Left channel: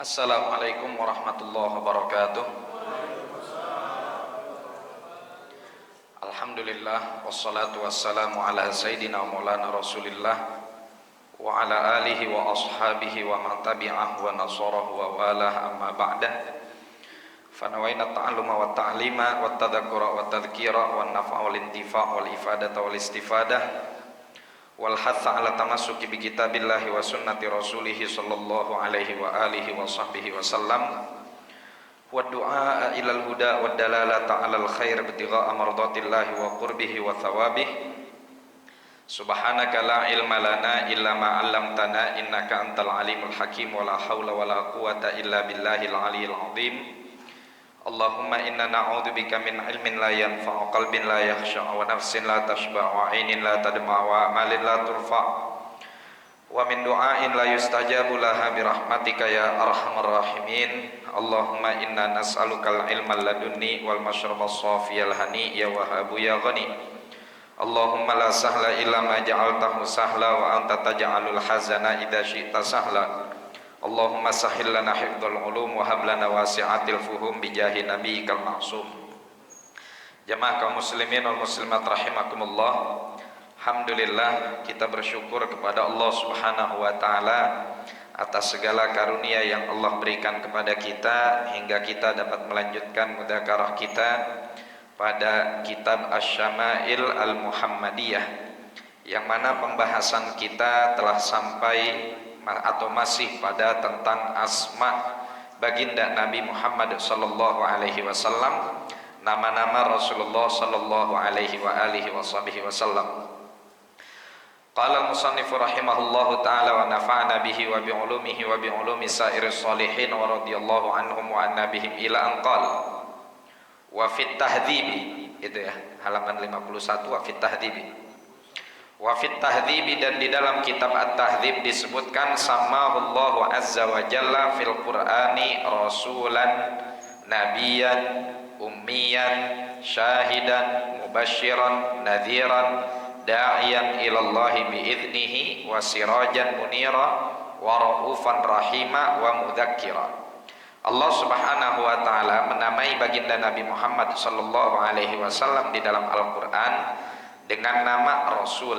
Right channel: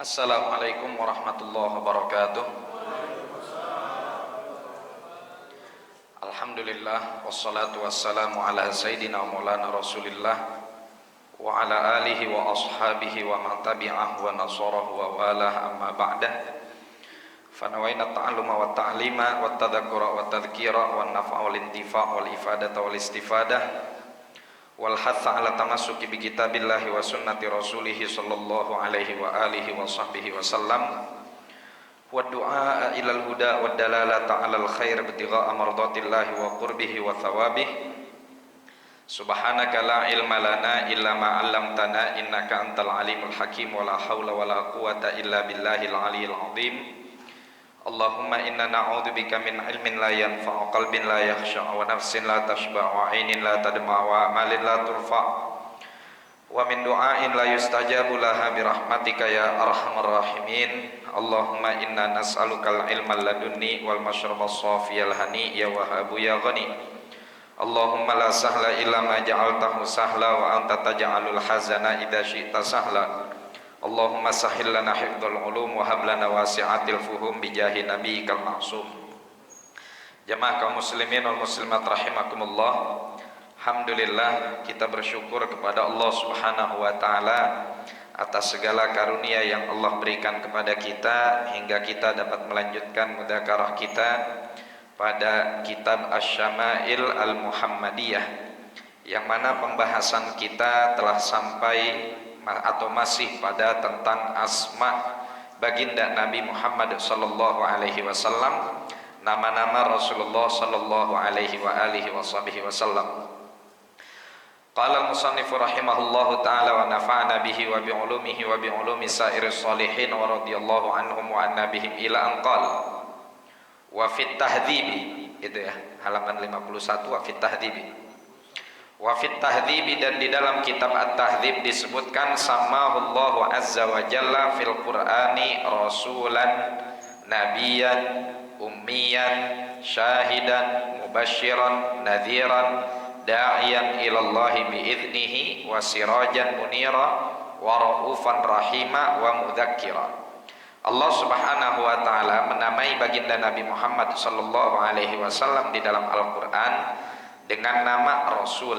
Assalamualaikum warahmatullahi wabarakatuh. Alhamdulillah wassalatu wassalamu ala sayyidina maulana Rasulillah wa ala alihi wa ashabihi wa man tabi'ahu wa nasarahu wa walah amma ba'dah. Fanawaina ta'alluma wa ta'lima wa tadhakkura wa tadhkira wa naf'a wal intifa' wal ifadata wal istifadah wal hatha ala tamassuki bi kitabillahi wa sunnati rasulih sallallahu alaihi wa alihi wa sahbihi wa sallam wa du'a ilal huda wa dalalata alal khair ibtigha'a mardatillahi wa qurbihi wa thawabih. Subhanaka la ilma lana illa ma 'allamtana innaka antal alimul hakim wa la haula wa la quwwata illa billahil aliyyil azim. Allahumma inna na'udzubika min ilmin la yanfa'u, qalbin la yakhsha'u, wa nafsin la tashba'u, wa 'ainin la tadma'u, wa amalin la turfa'u, wa min du'ain la yustajabu laha bi rahmatika ya arhamar rahimin. Allahumma inna nas'alukal ilma ladunni wal mashraba safiyal hani ya wahabu ya ghani. Allahumma la sahla illa ma ja'altahu sahla wa anta taj'alul hazana idza syi'ta sahla. Allahumma sahhil lana hifdzal ulum wa hab lana wasi'atil fuhum bijahi nabiyyikal ma'sum. Jamaah kaum muslimin wal muslimat rahimakumullah. Alhamdulillah, kita bersyukur kepada Allah Subhanahu wa taala atas segala karunia yang Allah berikan kepada kita hingga kita dapat melanjutkan mudzakarah kita pada kitab Asy-Syama'il Al-Muhammadiyah, yang mana pembahasan kita telah sampai atau masih pada tentang asma baginda Nabi Muhammad sallallahu alaihi wasallam, nama-nama Rasulullah sallallahu alaihi wa alihi wasallam. Qala al-musannif rahimahullahu taala wa nafa'ana bihi wa bi ulumihi wa bi ulumi sa'iris shalihin wa radhiyallahu anhum wa anna bihim ila an qala wa fit tahdhibi, itu ya, halaman 51, wa fit tahdhibi. Wa fit tahdhibi, dan di dalam kitab At-Tahdhib disebutkan samahullahu azza wa jalla fil Qur'ani rasulan nabiyan ummiyan syahidan mubasyiran nadhiran da'iyan ilallahi bi'idnihi wa sirajan munira wa ra'ufan rahima wa mudzakkira. Allah Subhanahu wa taala menamai baginda Nabi Muhammad sallallahu alaihi wasallam di dalam Al-Qur'an dengan nama Rasul,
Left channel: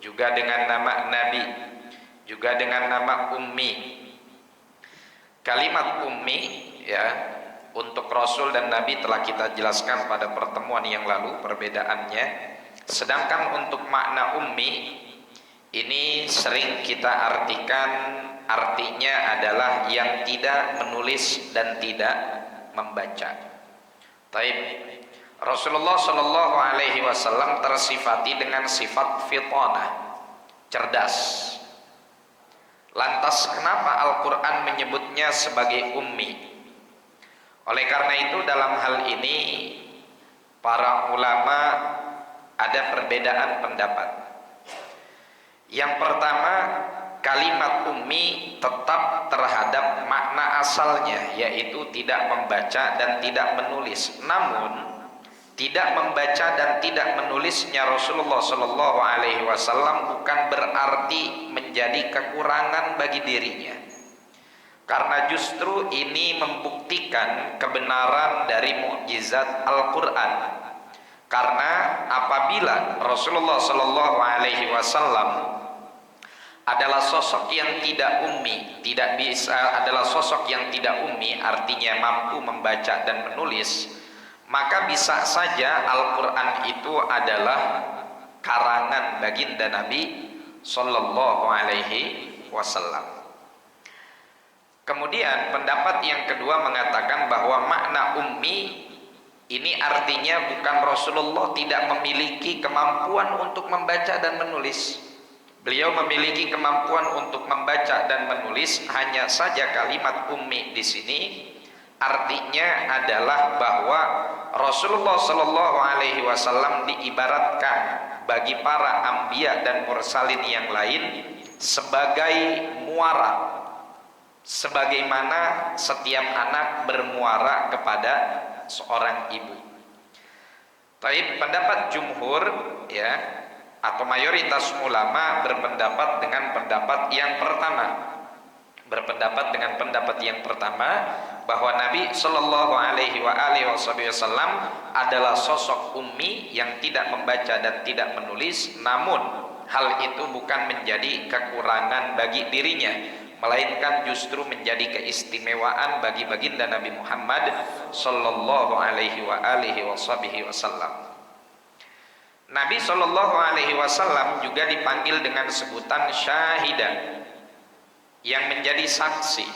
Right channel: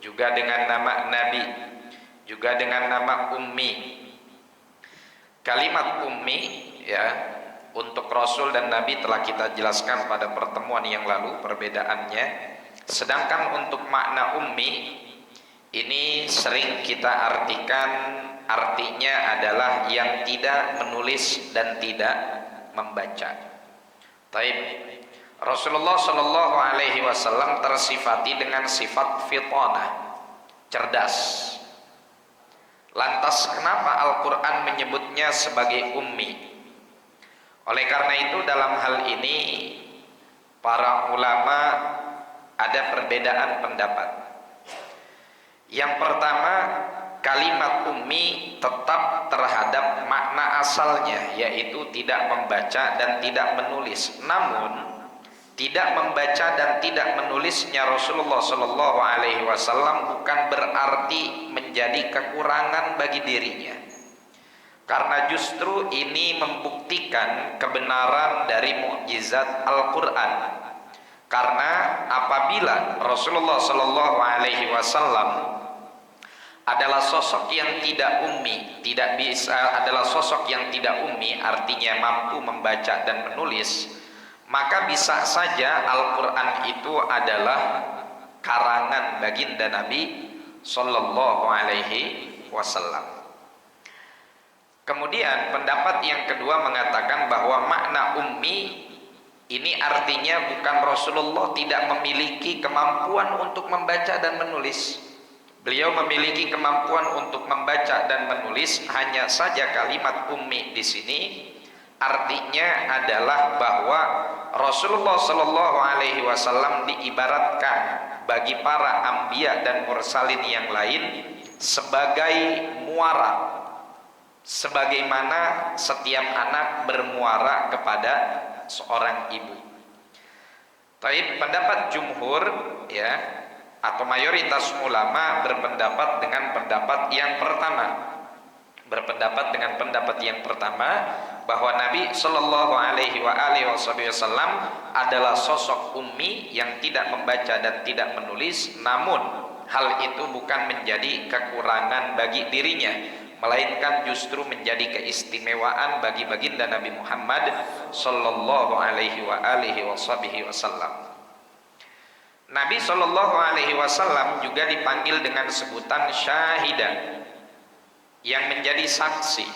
juga dengan nama Nabi, juga dengan nama Ummi. Kalimat Ummi, ya, untuk Rasul dan Nabi telah kita jelaskan pada pertemuan yang lalu perbedaannya. Sedangkan untuk makna Ummi ini sering kita artikan, artinya adalah yang tidak menulis dan tidak membaca. Taib. Rasulullah Shallallahu Alaihi Wasallam tersifati dengan sifat fitanah, cerdas. Lantas kenapa Al-Quran menyebutnya sebagai ummi? Oleh karena itu dalam hal ini para ulama ada perbedaan pendapat. Yang pertama, kalimat ummi tetap terhadap makna asalnya, yaitu tidak membaca dan tidak menulis. Namun tidak membaca dan tidak menulisnya Rasulullah Shallallahu Alaihi Wasallam bukan berarti menjadi kekurangan bagi dirinya, karena justru ini membuktikan kebenaran dari mukjizat Al-Quran. Karena apabila Rasulullah Shallallahu Alaihi Wasallam adalah sosok yang tidak ummi, adalah sosok yang tidak ummi, artinya mampu membaca dan menulis, maka bisa saja Al-Quran itu adalah karangan baginda Nabi Sallallahu Alaihi Wasallam. Kemudian pendapat yang kedua mengatakan bahwa makna ummi ini artinya bukan Rasulullah tidak memiliki kemampuan untuk membaca dan menulis. Beliau memiliki kemampuan untuk membaca dan menulis, hanya saja kalimat ummi di sini artinya adalah bahwa Rasulullah Shallallahu Alaihi Wasallam diibaratkan bagi para anbiya dan mursalin yang lain sebagai muara, sebagaimana setiap anak bermuara kepada seorang ibu. Taib, pendapat jumhur, ya, atau mayoritas ulama berpendapat dengan pendapat yang pertama, berpendapat dengan pendapat yang pertama, bahwa Nabi Shallallahu Alaihi Wasallam adalah sosok ummi yang tidak membaca dan tidak menulis, namun hal itu bukan menjadi kekurangan bagi dirinya, melainkan justru menjadi keistimewaan bagi baginda Nabi Muhammad Shallallahu Alaihi Wasallam. Nabi Shallallahu Alaihi Wasallam juga dipanggil dengan sebutan syahidan, yang menjadi saksi,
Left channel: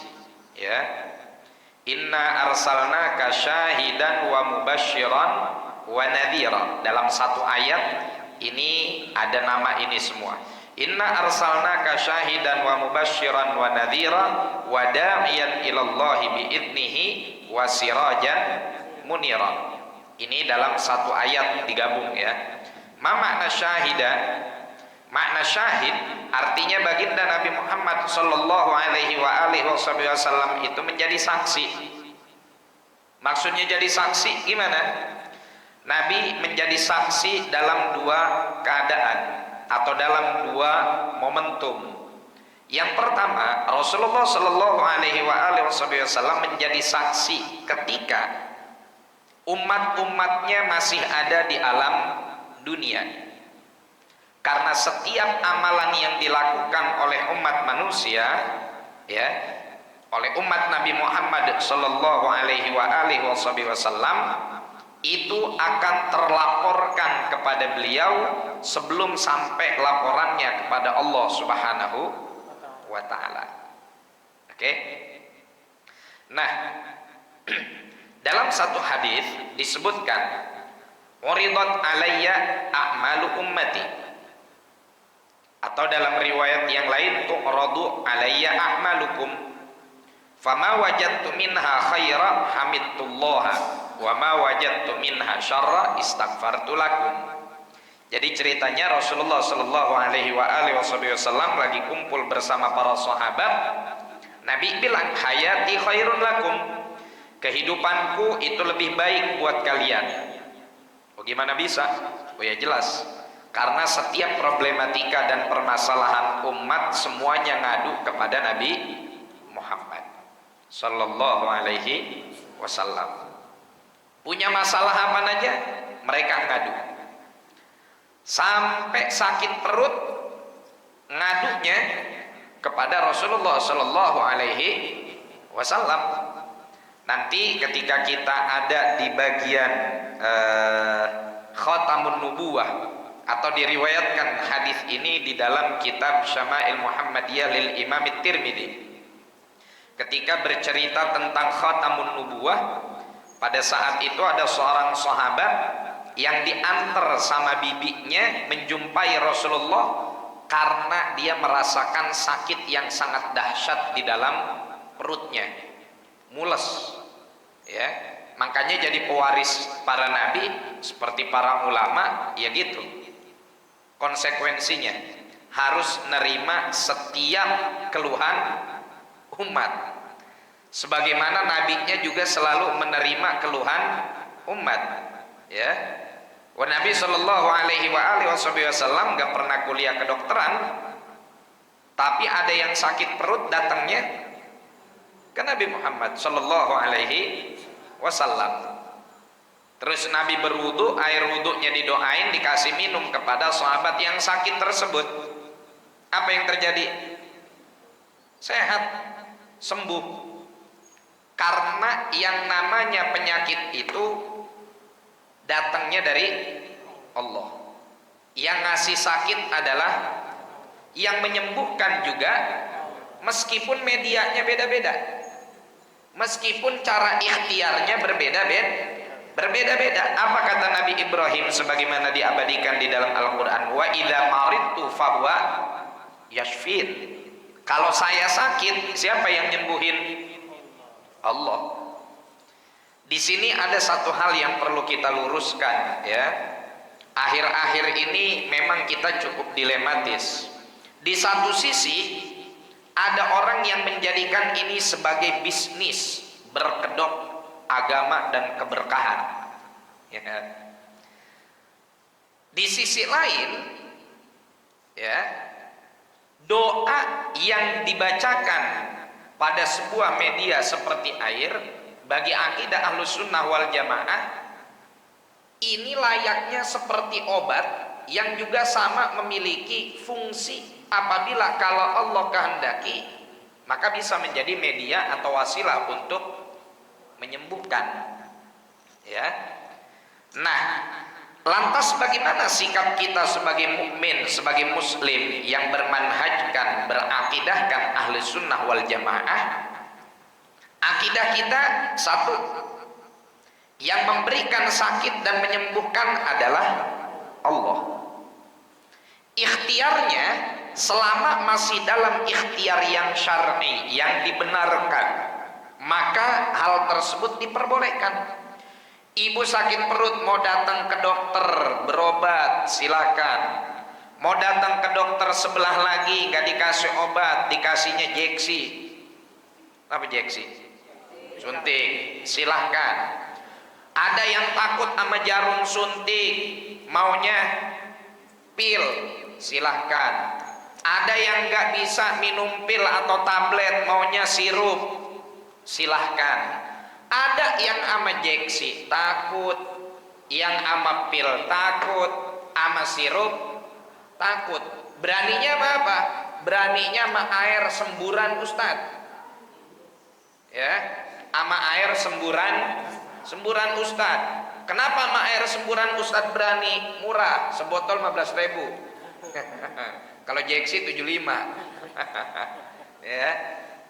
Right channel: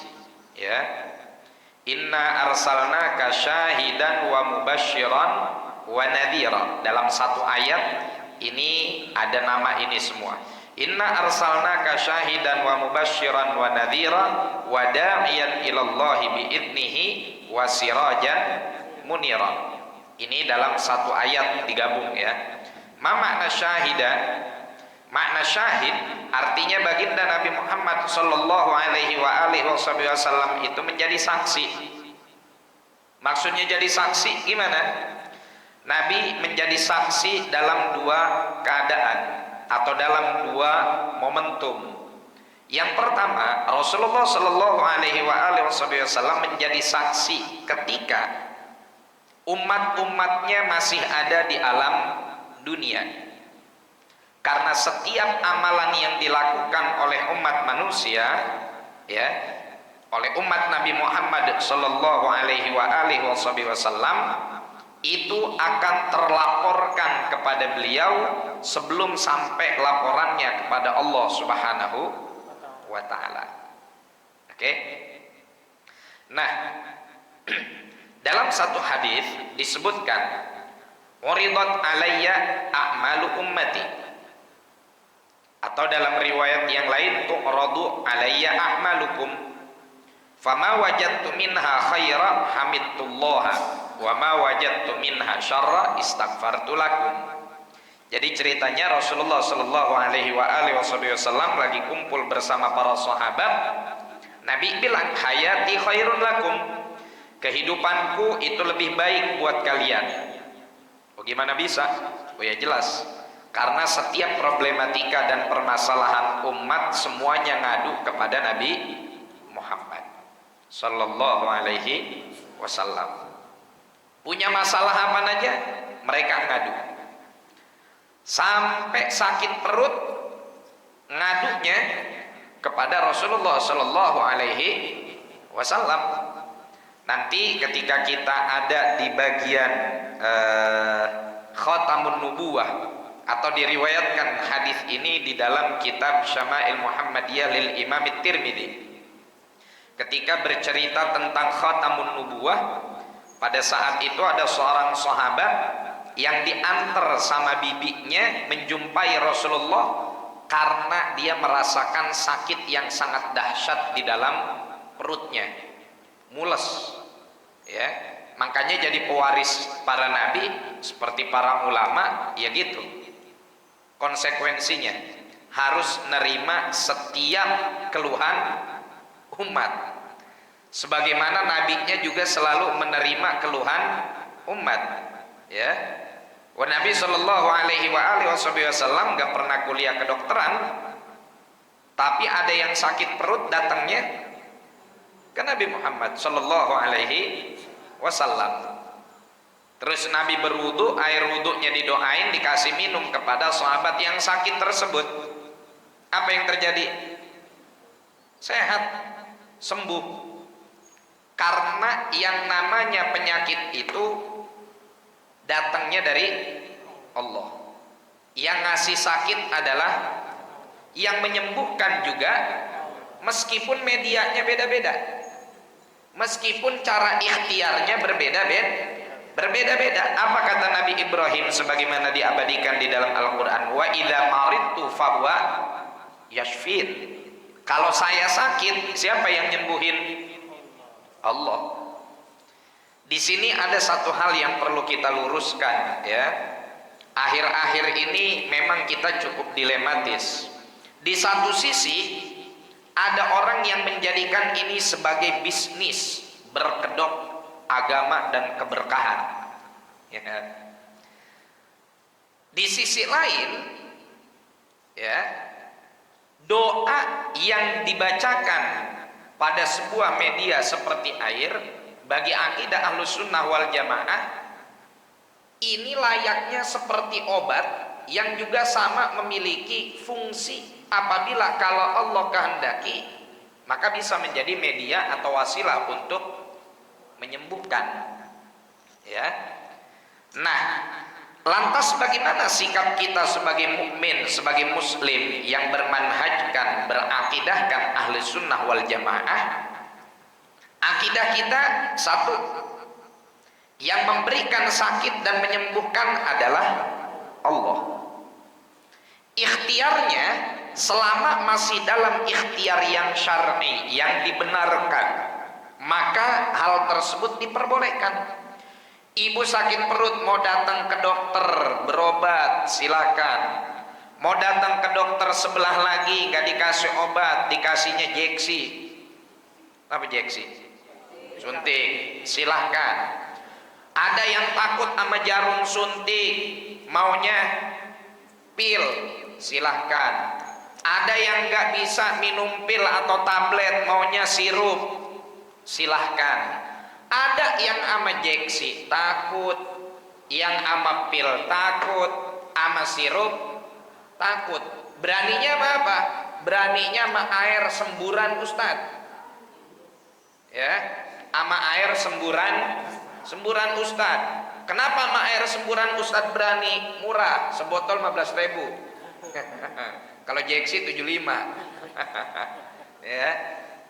ya. Inna arsalnaka syahidan wa mubasyiran wa nadhira. Dalam satu ayat ini ada nama ini semua. Inna arsalnaka syahidan wa mubasyiran wa nadhira wa da'iyan ilallahi biidnihi wa sirajan munira. Ini dalam satu ayat digabung, ya. Ma makna syahidan? Makna syahid artinya baginda Nabi Muhammad Sallallahu Alaihi Wasallam itu menjadi saksi. Maksudnya jadi saksi gimana? Nabi menjadi saksi dalam dua keadaan atau dalam dua momentum. Yang pertama, Rasulullah Sallallahu Alaihi Wasallam menjadi saksi ketika umat-umatnya masih ada di alam dunia. Karena setiap amalan yang dilakukan oleh umat manusia, ya, oleh umat Nabi Muhammad Sallallahu Alaihi Wasallam itu akan terlaporkan kepada beliau sebelum sampai laporannya kepada Allah Subhanahu wa Ta'ala. Oke? Nah, dalam satu hadis disebutkan, "Uridat alayya a'malu ummati." Atau dalam riwayat yang lain, tu'radu alayya a'malukum fama wajadtu minha khaira hamidtullaha wa ma wajadtu minha syarra istaghfartu lakum. Jadi ceritanya Rasulullah Sallallahu Alaihi Wasallam lagi kumpul bersama para sahabat. Nabi bilang, hayati khairun lakum, kehidupanku itu lebih baik buat kalian. Oh, gimana bisa? Oh ya jelas, karena setiap problematika dan permasalahan umat semuanya ngadu kepada Nabi Muhammad Sallallahu Alaihi Wasallam. Punya masalah apa aja mereka ngadu. Sampai sakit perut ngadunya kepada Rasulullah Sallallahu Alaihi Wasallam. Nanti ketika kita ada di bagian khatamun nubuwah, atau diriwayatkan hadis ini di dalam kitab Syama'il Muhammadiyah lil Imam Tirmidzi, ketika bercerita tentang khatamun nubuwah, pada saat itu ada seorang sahabat yang diantar sama bibinya menjumpai Rasulullah karena dia merasakan sakit yang sangat dahsyat di dalam perutnya, mules, ya. Makanya jadi pewaris para nabi seperti para ulama, ya gitu. Konsekuensinya harus nerima setiap keluhan umat, sebagaimana nabinya juga selalu menerima keluhan umat, ya. Wa Nabi Sallallahu Alaihi Wasallam gak pernah kuliah kedokteran, tapi ada yang sakit perut datangnya ke Nabi Muhammad Sallallahu Alaihi Wasallam. Terus Nabi berwudu, air wudunya didoain, dikasih minum kepada sahabat yang sakit tersebut. Apa yang terjadi? Sehat, sembuh. Karena yang namanya penyakit itu datangnya dari Allah. Yang ngasih sakit adalah yang menyembuhkan juga, meskipun medianya beda-beda, meskipun cara ikhtiarnya berbeda-beda. Apa kata Nabi Ibrahim sebagaimana diabadikan di dalam Al-Quran? Wa idza maridtu fahuwa yashfin. Kalau saya sakit, siapa yang nyembuhin? Allah. Di sini ada satu hal yang perlu kita luruskan, ya. Akhir-akhir ini memang kita cukup dilematis. Di satu sisi ada orang yang menjadikan ini sebagai bisnis berkedok agama dan keberkahan, ya. Di sisi lain, ya, doa yang dibacakan pada sebuah media seperti air, bagi akidah Ahlus Sunnah wal Jamaah ini layaknya seperti obat yang juga sama memiliki fungsi. Apabila kalau Allah kehendaki, maka bisa menjadi media atau wasilah untuk menyembuhkan. Ya. Nah, lantas bagaimana sikap kita sebagai mukmin, sebagai muslim yang bermanhajkan, berakidahkan ahli sunnah wal jamaah? Akidah kita satu, yang memberikan sakit dan menyembuhkan adalah Allah. Ikhtiarnya selama masih dalam ikhtiar yang syar'i, yang dibenarkan, maka hal tersebut diperbolehkan. Ibu sakit perut mau datang ke dokter berobat, silakan. Mau datang ke dokter sebelah lagi nggak dikasih obat, dikasihnya jeksi. Apa jeksi? Suntik, silahkan. Ada yang takut sama jarum suntik, maunya pil, silahkan. Ada yang nggak bisa minum pil atau tablet, maunya sirup, silahkan. Ada yang ama jeksi takut, yang ama pil takut, ama sirup takut. Beraninya apa? Beraninya sama air semburan Ustadz. Ya, ama air semburan Ustadz. Kenapa sama air semburan Ustadz berani? Murah, sebotol 15.000. Kalau jeksi 75. Ya,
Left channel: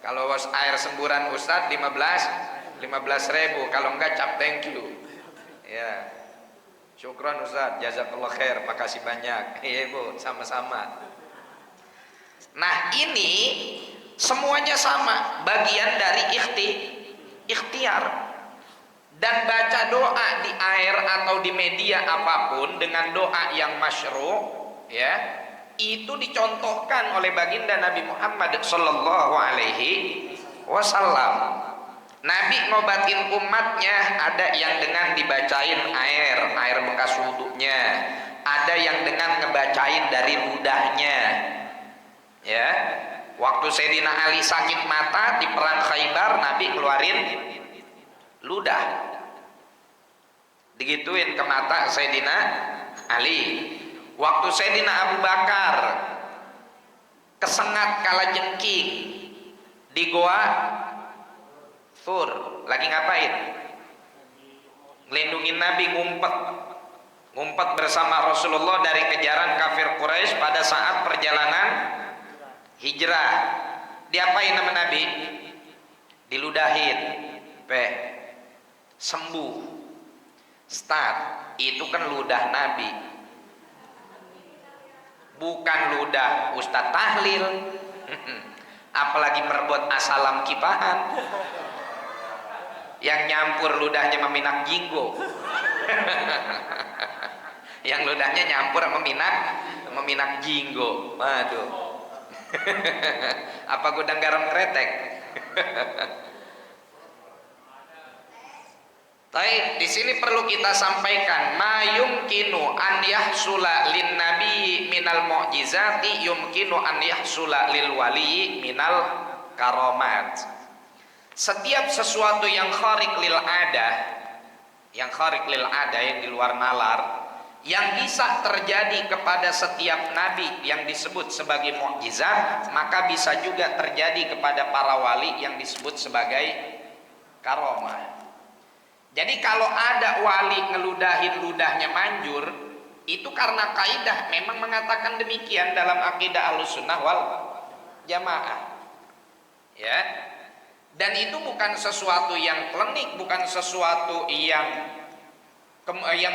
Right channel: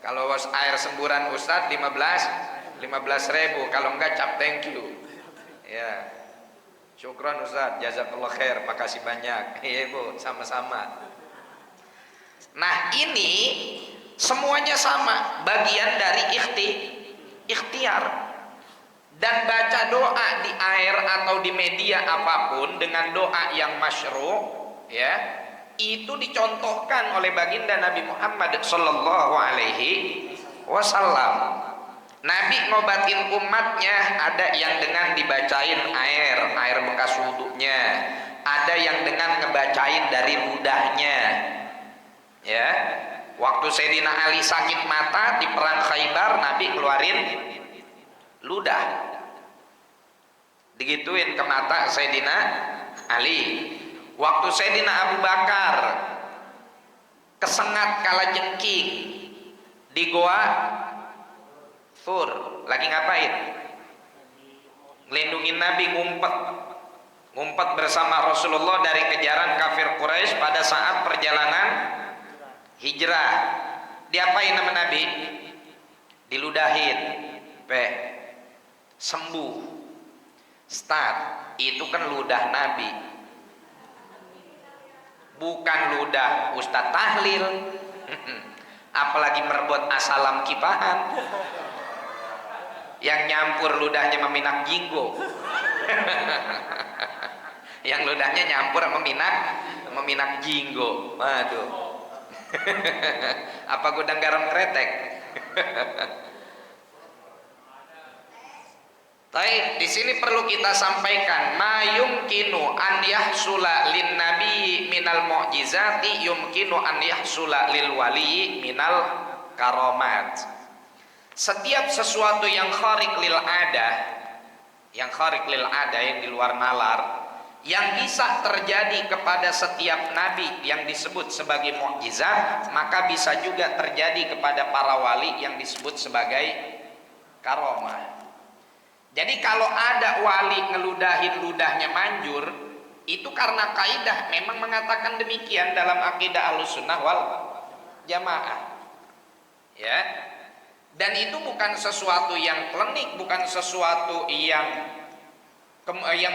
kalau air semburan Ustadz 15.000, kalau enggak cap thank you. Ya, syukron Ustadz, jazakallah khair, makasih banyak. Iya Bu, sama-sama. Nah ini semuanya sama, bagian dari ikhtiar. Dan baca doa di air atau di media apapun dengan doa yang masyru', ya, itu dicontohkan oleh baginda Nabi Muhammad sallallahu alaihi wasallam. Nabi ngobatin umatnya ada yang dengan dibacain air bekas wudunya, ada yang dengan ngebacain dari ludahnya. Ya, waktu Sayyidina Ali sakit mata di perang Khaybar, Nabi keluarin ludah, digituin ke mata Sayyidina Ali. Waktu Sayyidina Abu Bakar kesengat kalajengking di goa Thur, lagi ngapain? Ngelindungin Nabi, ngumpet bersama Rasulullah dari kejaran kafir Quraisy pada saat perjalanan hijrah. Diapain sama Nabi? Diludahin, sembuh. Start, itu kan ludah Nabi, bukan ludah Ustadz tahlil. Apalagi merebut asalam kipahan, yang nyampur ludahnya meminak jinggo. Yang ludahnya nyampur meminak jinggo. Waduh. Apa gudang garam kretek? Baik, di sini perlu kita sampaikan ma yumkinu an yahsula lin nabi minal mu'jizati yumkinu an yahsula lil wali minal karamat. Setiap sesuatu yang khariq lil ada, yang di luar nalar, yang bisa terjadi kepada setiap nabi yang disebut sebagai mukjizat, maka bisa juga terjadi kepada para wali yang disebut sebagai karomah. Jadi kalau ada wali ngeludahin ludahnya manjur, itu karena kaidah memang mengatakan demikian dalam akidah Ahlussunnah wal Jamaah. Ya. Dan itu bukan sesuatu yang klinik, bukan sesuatu yang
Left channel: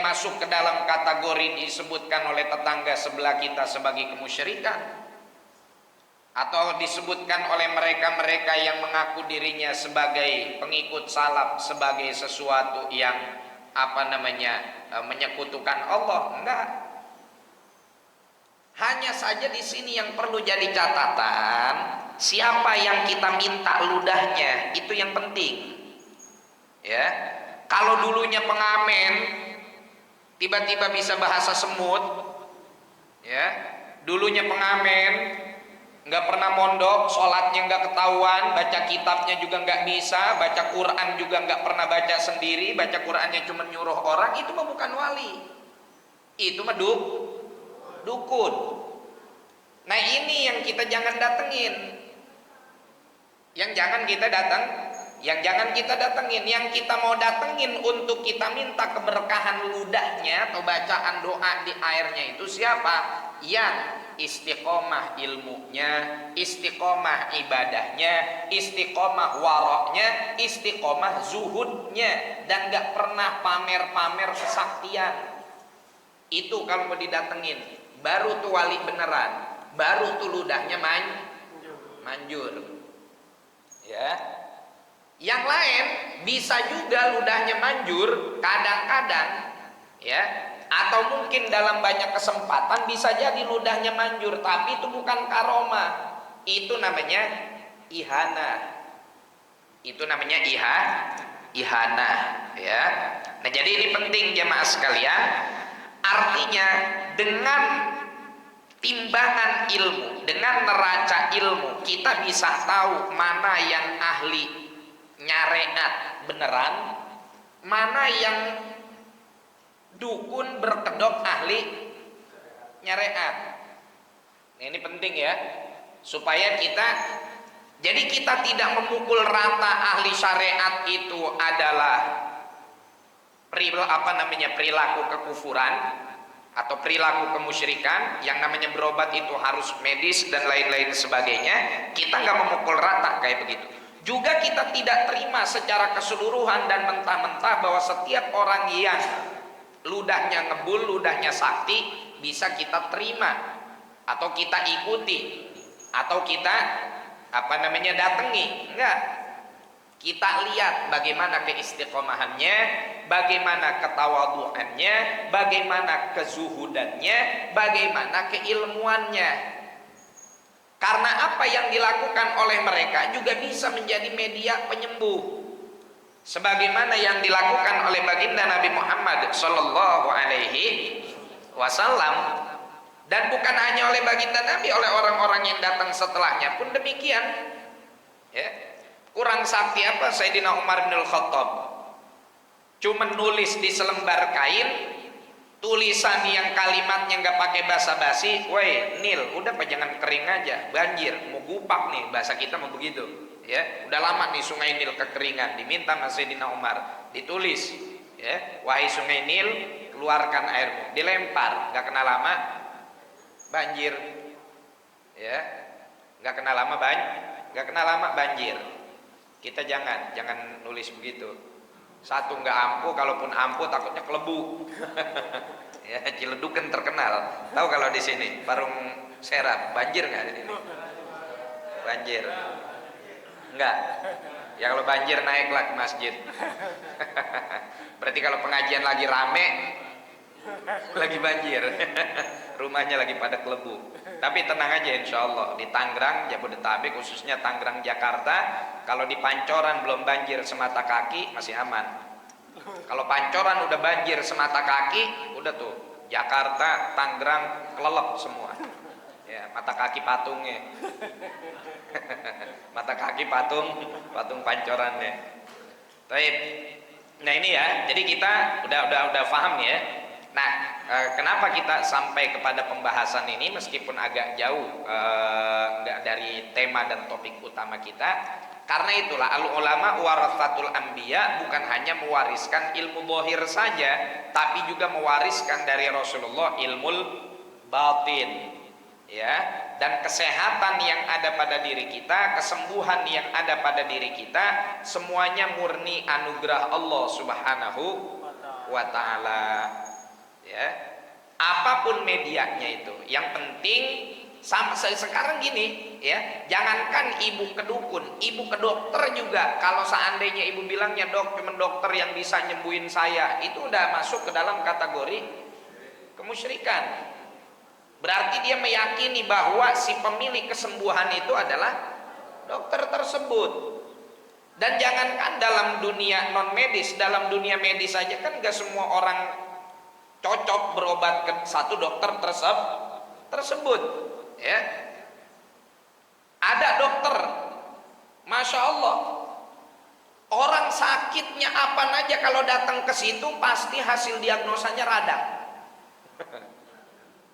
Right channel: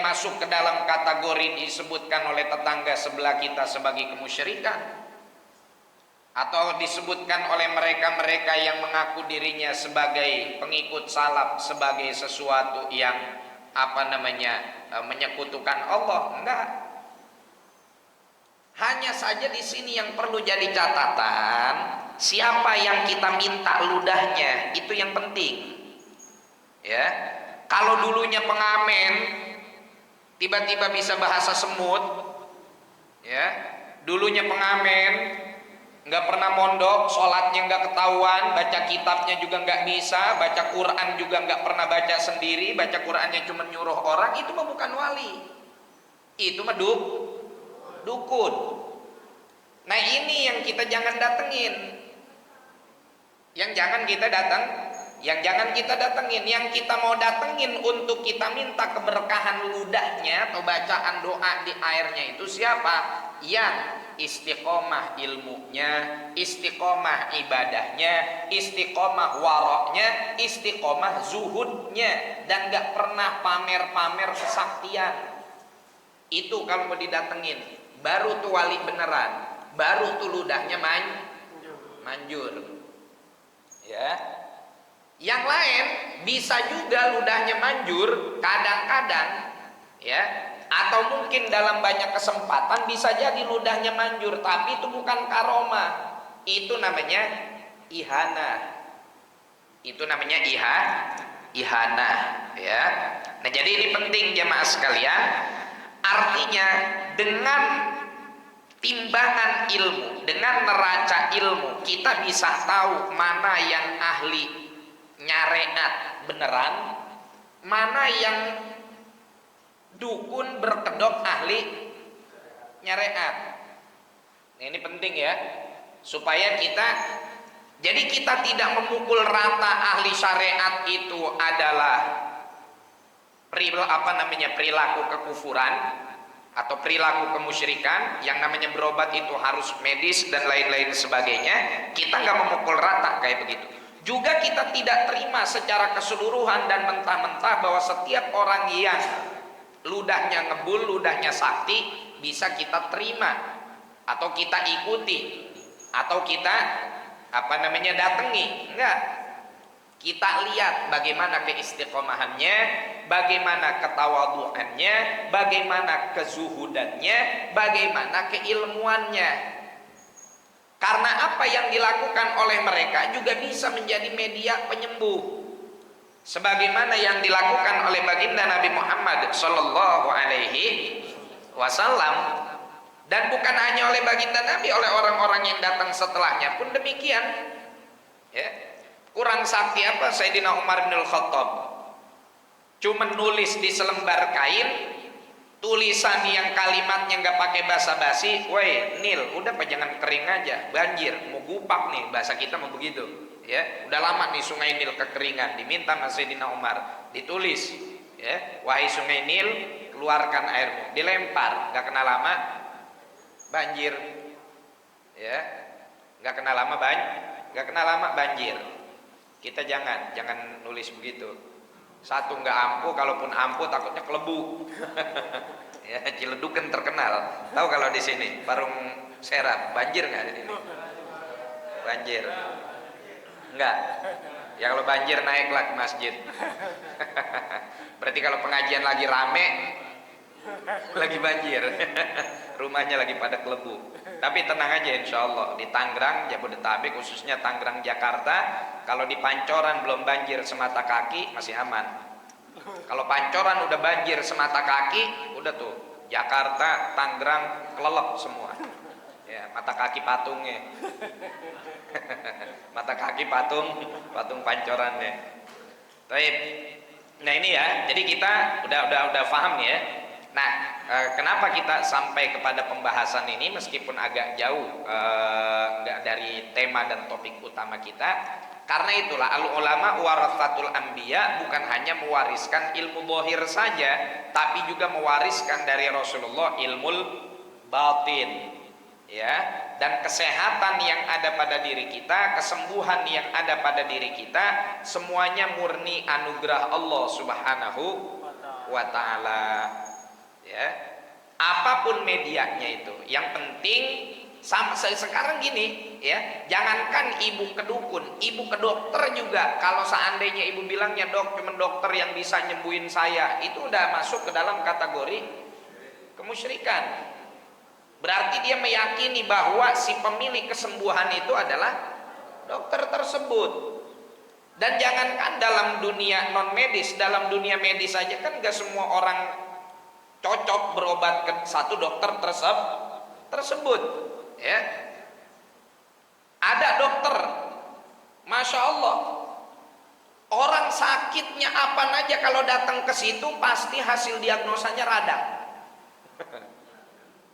masuk ke dalam kategori disebutkan oleh tetangga sebelah kita sebagai kemusyrikan, atau disebutkan oleh mereka-mereka yang mengaku dirinya sebagai pengikut salaf sebagai sesuatu yang menyekutukan Allah. Enggak. Hanya saja di sini yang perlu jadi catatan, siapa yang kita minta ludahnya, itu yang penting. Ya. Kalau dulunya pengamen tiba-tiba bisa bahasa semut, ya. Dulunya pengamen nggak pernah mondok, sholatnya nggak ketahuan, baca kitabnya juga nggak bisa, baca Quran juga nggak pernah baca sendiri, baca Qurannya cuma nyuruh orang, itu mah bukan wali, itu mah dukun. Nah ini yang kita jangan datengin, yang jangan kita datengin, yang kita mau datengin untuk kita minta keberkahan ludahnya atau bacaan doa di airnya itu siapa? Yang istiqomah ilmunya, istiqomah ibadahnya, istiqomah waroknya, istiqomah zuhudnya, dan gak pernah pamer-pamer kesaktian. Itu kalau mau didatengin, baru tuh wali beneran, baru tuh ludahnya manjur. Ya. Yang lain bisa juga ludahnya manjur kadang-kadang, ya, atau mungkin dalam banyak kesempatan bisa jadi ludahnya manjur, tapi itu bukan karomah, itu namanya ihana, ihana, ya. Nah jadi ini penting jemaah sekalian, artinya dengan timbangan ilmu, dengan neraca ilmu, kita bisa tahu mana yang ahli nyareat beneran, mana yang dukun berkedok ahli nyareat. Nah, ini penting ya, supaya kita tidak memukul rata ahli syariat itu adalah perilaku kekufuran atau perilaku kemusyrikan. Yang namanya berobat itu harus medis dan lain-lain sebagainya. Kita nggak memukul rata kayak begitu. Juga kita tidak terima secara keseluruhan dan mentah-mentah bahwa setiap orang yang ludahnya ngebul, ludahnya sakti bisa kita terima atau kita ikuti atau kita datangi. Enggak. Kita lihat bagaimana keistiqomahannya, bagaimana ketawaduannya, bagaimana kezuhudannya, bagaimana keilmuannya. Karena apa yang dilakukan oleh mereka juga bisa menjadi media penyembuh, sebagaimana yang dilakukan oleh baginda Nabi Muhammad Sallallahu Alaihi Wasallam. Dan bukan hanya oleh baginda Nabi, oleh orang-orang yang datang setelahnya pun demikian. Ya. Kurang sakti apa Sayyidina Umar bin Khattab? Cuma nulis di selembar kain, tulisan yang kalimatnya nggak pakai basa-basi, woi Nil, udah jangan kering aja, banjir, mau gupak nih, bahasa kita mau begitu, ya, udah lama nih sungai Nil kekeringan, diminta sama Sayyidina Umar, ditulis, ya, wahai sungai Nil, keluarkan airmu, dilempar, nggak kenal lama, banjir, ya, nggak kenal lama banjir. Kita jangan nulis begitu. Satu nggak ampuh, kalaupun ampuh takutnya kelebu. Ya, Ciledug kan terkenal. Tahu kalau di sini Parung Serap banjir nggak di sini? Banjir. Enggak. Ya kalau banjir naiklah ke masjid. Berarti kalau pengajian lagi rame, lagi banjir. Rumahnya lagi pada kelebu. Tapi tenang aja, insya Allah di Tangerang, Jabodetabek, khususnya Tangerang, Jakarta, kalau di Pancoran belum banjir semata kaki masih aman. Kalau Pancoran udah banjir semata kaki, udah tuh Jakarta, Tangerang kelelep semua. Ya, mata kaki patungnya, mata kaki patung Pancorannya. Baik. Nah ini ya, jadi kita udah paham ya. Nah, kenapa kita sampai kepada pembahasan ini meskipun agak jauh dari tema dan topik utama kita? Karena itulah al-ulama warathatul anbiya, bukan hanya mewariskan ilmu zahir saja, tapi juga mewariskan dari Rasulullah ilmul batin, ya, dan kesehatan yang ada pada diri kita, kesembuhan yang ada pada diri kita, semuanya murni anugerah Allah Subhanahu wa taala. Ya, apapun medianya itu, yang penting sama sekarang gini, ya, jangankan ibu ke dukun, ibu ke dokter juga, kalau seandainya ibu bilangnya dok, cuma dokter yang bisa nyembuhin saya, itu udah masuk ke dalam kategori kemusyrikan. Berarti dia meyakini bahwa si pemilik kesembuhan itu adalah dokter tersebut. Dan jangankan dalam dunia non medis, dalam dunia medis saja kan gak semua orang cocok berobat ke satu dokter tersebut, ya. Ada dokter, masya Allah, orang sakitnya apa aja kalau datang ke situ pasti hasil diagnosanya radang.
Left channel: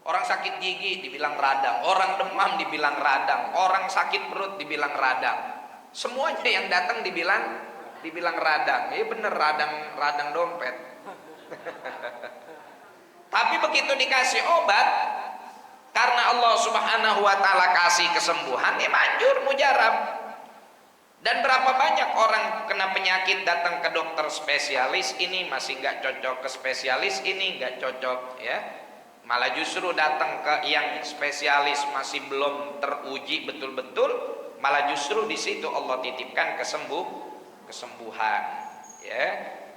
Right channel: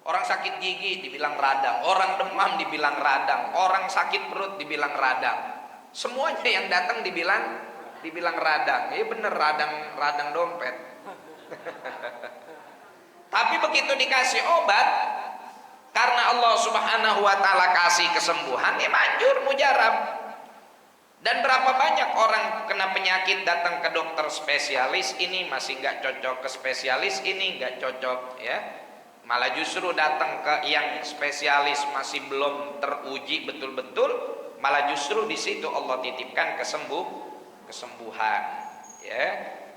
Orang sakit gigi dibilang radang, orang demam dibilang radang, orang sakit perut dibilang radang. Semuanya yang datang dibilang radang. Ya bener, radang dompet. Tapi begitu dikasih obat, karena Allah Subhanahu wa taala kasih kesembuhan, ya manjur mujarab. Dan berapa banyak orang kena penyakit datang ke dokter spesialis, ini masih nggak cocok, ke spesialis ini nggak cocok, ya. Malah justru datang ke yang spesialis masih belum teruji betul-betul, malah justru di situ Allah titipkan kesembuhan, ya.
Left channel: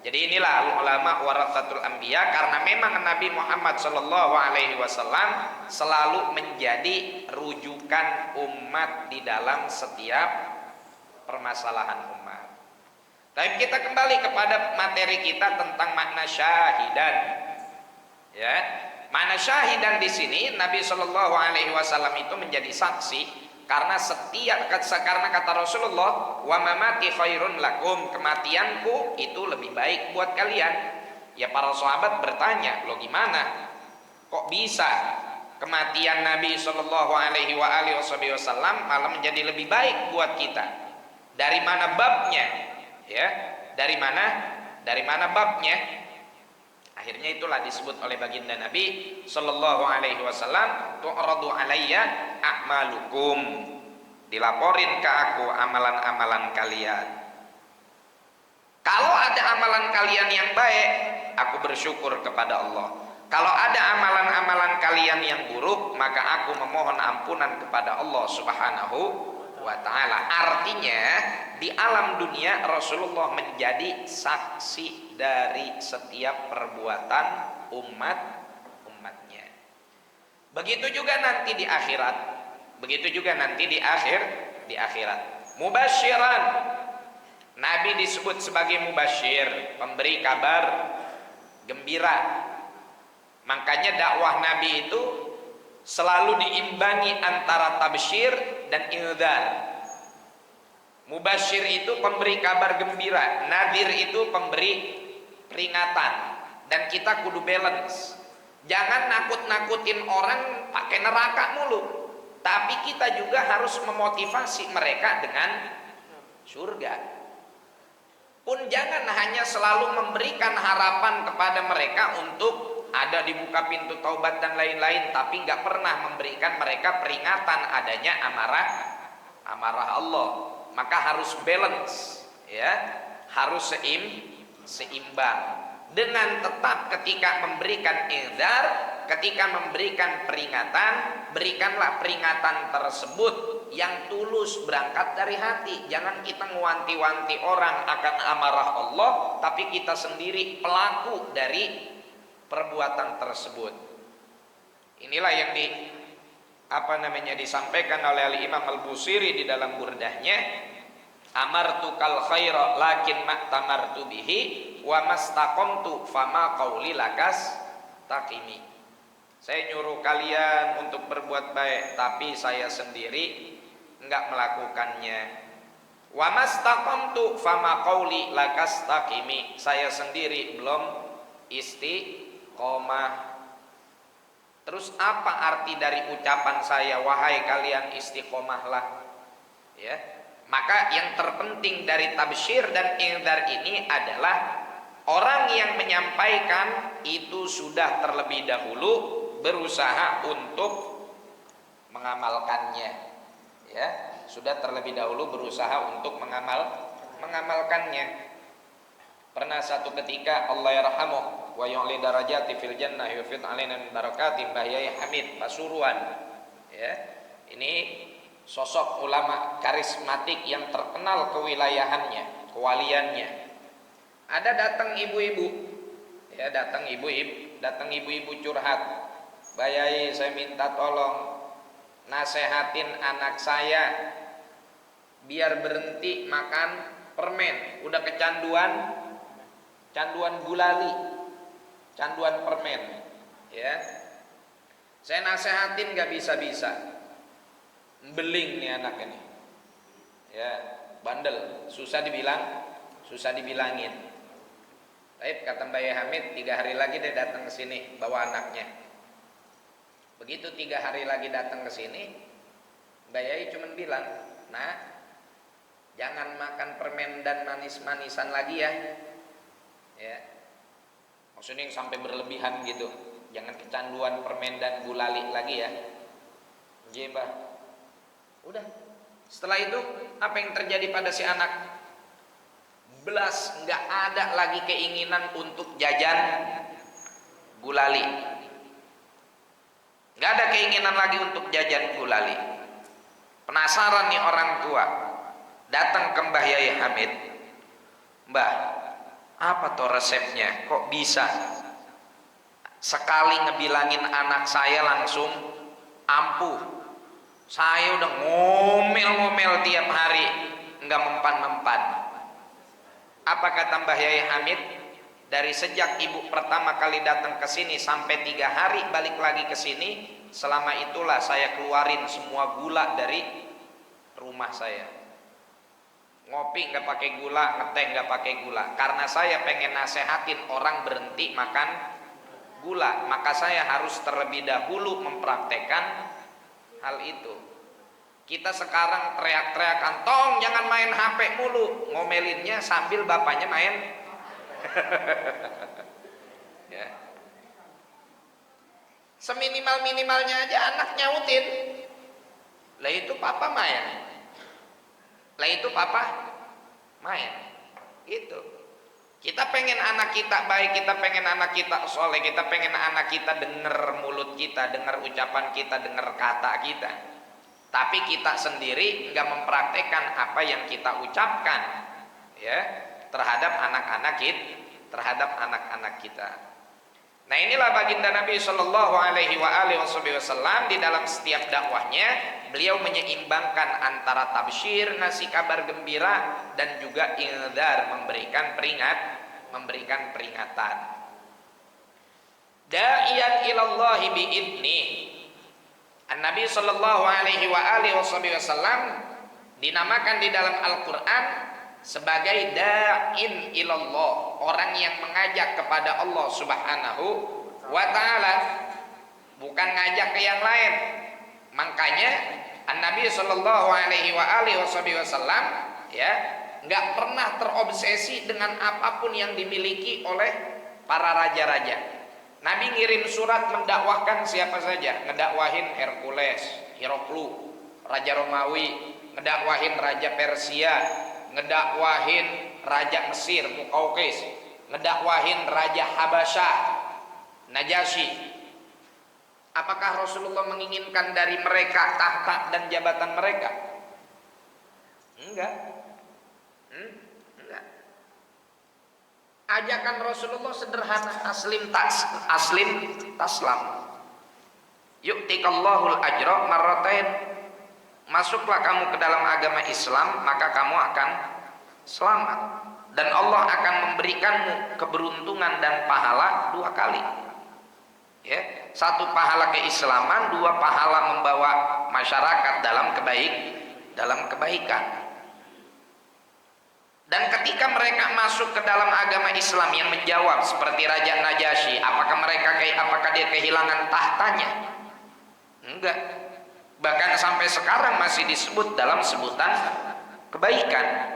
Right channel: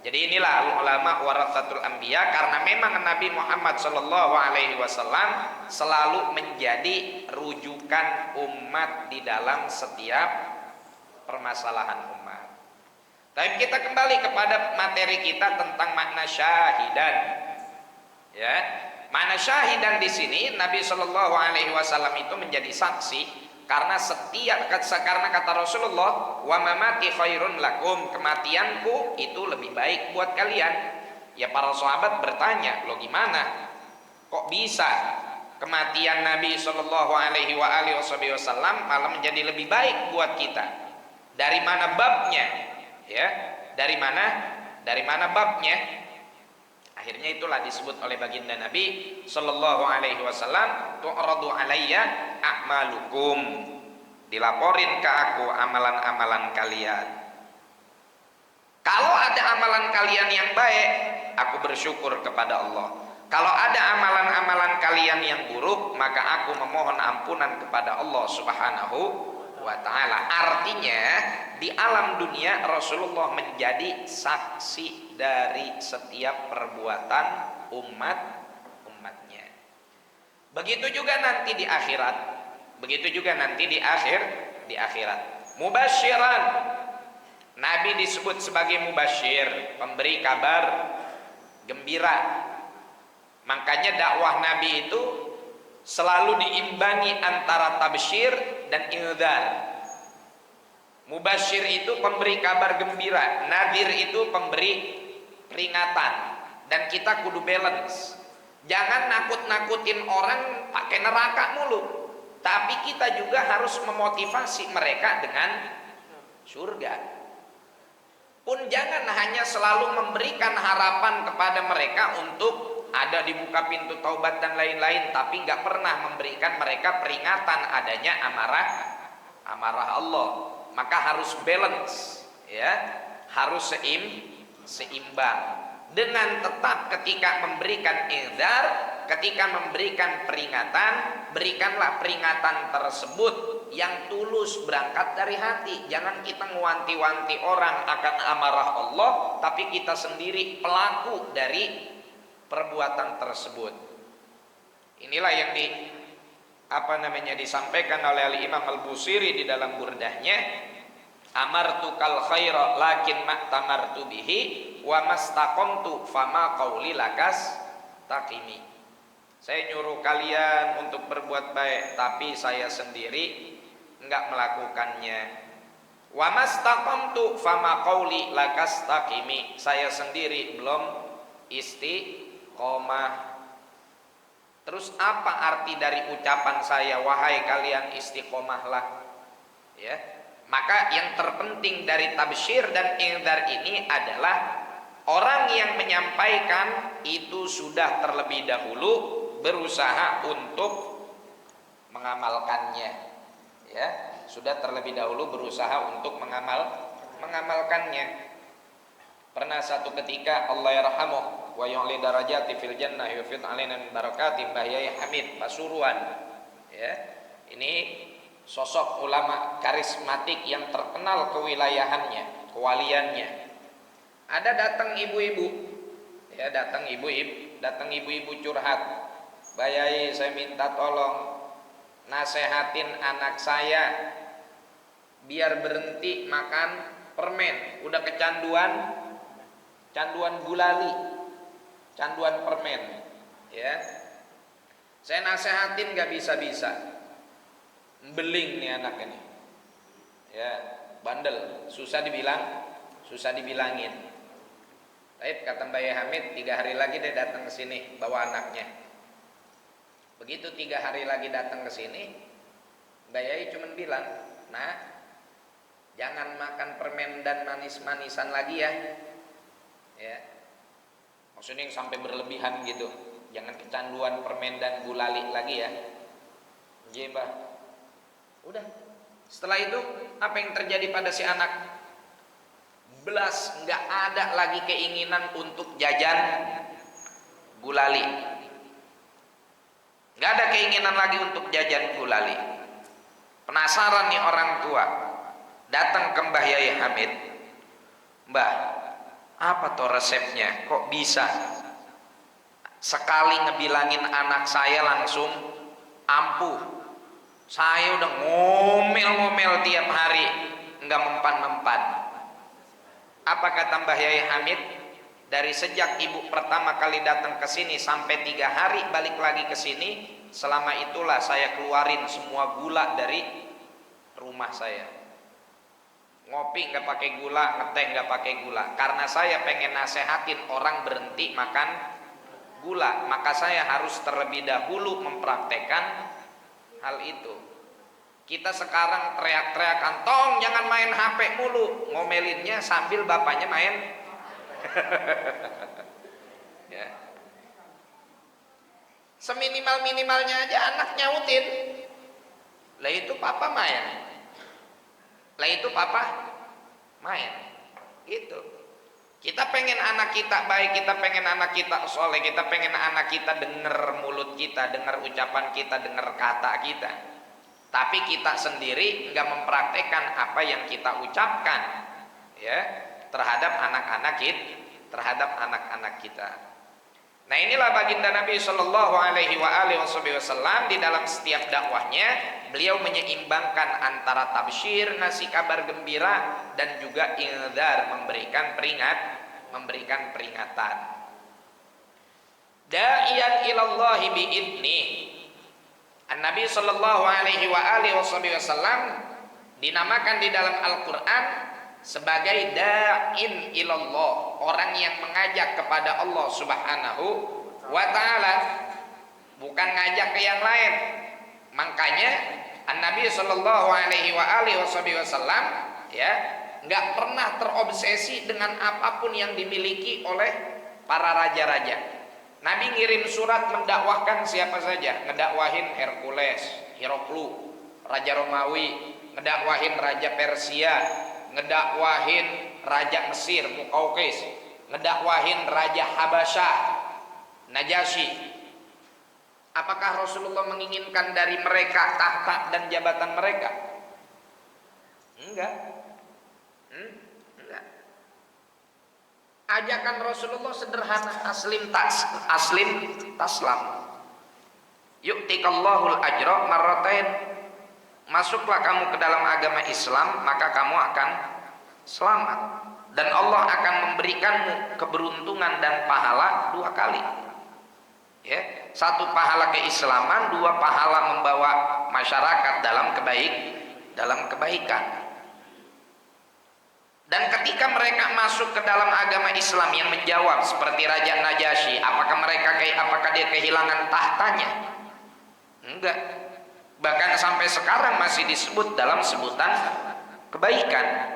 Jadi inilah ulama waratsatul anbiya, karena memang Nabi Muhammad sallallahu alaihi wasallam selalu menjadi rujukan umat di dalam setiap permasalahan umat. Tapi kita kembali kepada materi kita tentang makna syahidan, ya. Makna syahidan di sini Nabi Shallallahu Alaihi Wasallam itu menjadi saksi karena karena kata Rasulullah, wa mamati khairun lakum, kematianku itu lebih baik buat kalian. Ya para sahabat bertanya, lo gimana? Kok bisa kematian Nabi Shallallahu Alaihi Wasallam malah menjadi lebih baik buat kita? Dari mana babnya? Ya, dari mana babnya? Akhirnya itulah disebut oleh baginda Nabi Sallallahu Alaihi Wasallam, tu'radu alayya a'malukum, dilaporin ke aku amalan-amalan kalian. Kalau ada amalan kalian yang baik, aku bersyukur kepada Allah. Kalau ada amalan-amalan kalian yang buruk, maka aku memohon ampunan kepada Allah Subhanahu wa ta'ala. Artinya di alam dunia Rasulullah menjadi saksi dari setiap perbuatan umatnya. Begitu juga nanti di akhirat. Mubasyiran, Nabi disebut sebagai mubasyir, pemberi kabar gembira. Makanya dakwah Nabi itu selalu diimbangi antara tabsyir dan indzar. Mubasyir itu pemberi kabar gembira, nadhir itu pemberi peringatan. Dan kita kudu balance. Jangan nakut-nakutin orang pakai neraka mulu, tapi kita juga harus memotivasi mereka dengan surga. Pun jangan hanya selalu memberikan harapan kepada mereka untuk ada dibuka pintu taubat dan lain-lain, tapi nggak pernah memberikan mereka peringatan adanya amarah Allah. Maka harus balance, ya, harus seimbang. Dengan tetap ketika memberikan inzar, ketika memberikan peringatan, berikanlah peringatan tersebut yang tulus, berangkat dari hati. Jangan kita ngewanti-wanti orang akan amarah Allah, tapi kita sendiri pelaku dari perbuatan tersebut. Inilah yang disampaikan oleh Al-Imam Al-Busiri di dalam burdahnya, amartu kal khaira lakin ma'tamartu bihi wa mastaqamtu fama qauli lakas taqimi. Saya nyuruh kalian untuk berbuat baik, tapi saya sendiri enggak melakukannya. Wa mastaqamtu fama qauli lakas taqimi. Saya sendiri belum istiqomah. Terus apa arti dari ucapan saya, wahai kalian istiqomahlah, ya? Maka yang terpenting dari tabsyir dan indzar ini adalah orang yang menyampaikan itu sudah terlebih dahulu berusaha untuk mengamalkannya, ya, sudah terlebih dahulu berusaha untuk mengamalkannya. Pernah satu ketika Allah yarhamuh wa yu'li darajati fil jannah yufid alaina min barakati Mbah Yai Hamid Pasuruan, ya. Ini sosok ulama karismatik yang terkenal kewilayahannya, kewaliannya. Ada datang ibu-ibu, ya, datang ibu-ibu curhat, Mbah Yai, saya minta tolong nasehatin anak saya biar berhenti makan permen, udah kecanduan gulali, canduan permen, ya. Saya nasehatin gak bisa-bisa. beling nih anak ini. Ya, bandel, susah dibilangin. Baik, kata Mbak Hamid, 3 hari lagi dia datang ke sini bawa anaknya. Begitu 3 hari lagi datang ke sini, Mbak Yai cuma bilang, "Nah, jangan makan permen dan manis-manisan lagi ya." Ya. Maksudnya yang sampai berlebihan gitu. Jangan kecanduan permen dan gulali lagi ya. Iya, Mbah. Udah. Setelah itu apa yang terjadi pada si anak? Belas nggak ada lagi keinginan untuk jajan gulali. Nggak ada keinginan lagi untuk jajan gulali. Penasaran nih orang tua, datang ke Mbah Yai Hamid. "Mbah, apa tuh resepnya? Kok bisa sekali ngebilangin anak saya langsung ampuh? Saya udah ngomel-ngomel tiap hari, nggak mempan-mempan." Apa kata Mbah Yai Hamid? Dari sejak ibu pertama kali datang ke sini sampai 3 hari balik lagi ke sini, selama itulah saya keluarin semua gula dari rumah saya. Ngopi nggak pakai gula, ngeteh nggak pakai gula. Karena saya pengen nasehatin orang berhenti makan gula, maka saya harus terlebih dahulu mempraktekkan hal itu. Kita sekarang teriak-teriakan, "Tong jangan main HP mulu," ngomelinnya sambil bapaknya main. Ya. Seminimal-minimalnya aja anak nyautin, "Lah itu papa main." Lah itu papa main. Itu. Kita pengen anak kita baik, kita pengen anak kita soleh, kita pengen anak kita denger mulut kita, denger ucapan kita, denger kata kita. Tapi kita sendiri nggak mempraktekkan apa yang kita ucapkan, ya, terhadap anak-anak kita. Nah, inilah baginda Nabi Shallallahu Alaihi Wasallam di dalam setiap dakwahnya beliau menyeimbangkan antara tabsyir, ngasih kabar gembira, dan juga indzar, memberikan peringatan. Da'iyan ilallahi biidnih. Nabi Shallallahu Alaihi Wasallam dinamakan di dalam Al-Quran sebagai da'in ilallah, orang yang mengajak kepada Allah Subhanahu wa Ta'ala, bukan ngajak ke yang lain. Makanya Nabi Shallallahu Alaihi Wasallam ya nggak pernah terobsesi dengan apapun yang dimiliki oleh para raja-raja. Nabi ngirim surat mendakwahkan siapa saja, ngedakwahin Hercules, Hiroklu, Raja Romawi, ngedakwahin Raja Persia, ngedakwahin Raja Mesir, Mukaukis, ngedakwahin Raja Habasyah, Najasyi. Apakah Rasulullah menginginkan dari mereka tahta dan jabatan mereka? Enggak. Enggak. Ajakan Rasulullah sederhana, aslim taslam. Yu'tikallahul ajra marratain. Masuklah kamu ke dalam agama Islam, maka kamu akan selamat, dan Allah akan memberikanmu keberuntungan dan pahala 2 kali. Ya, 1 pahala keislaman, 2 pahala membawa masyarakat dalam kebaikan. Dan ketika mereka masuk ke dalam agama Islam yang menjawab seperti Raja Najasyi, apakah dia kehilangan tahtanya? Enggak. Bahkan sampai sekarang masih disebut dalam sebutan kebaikan.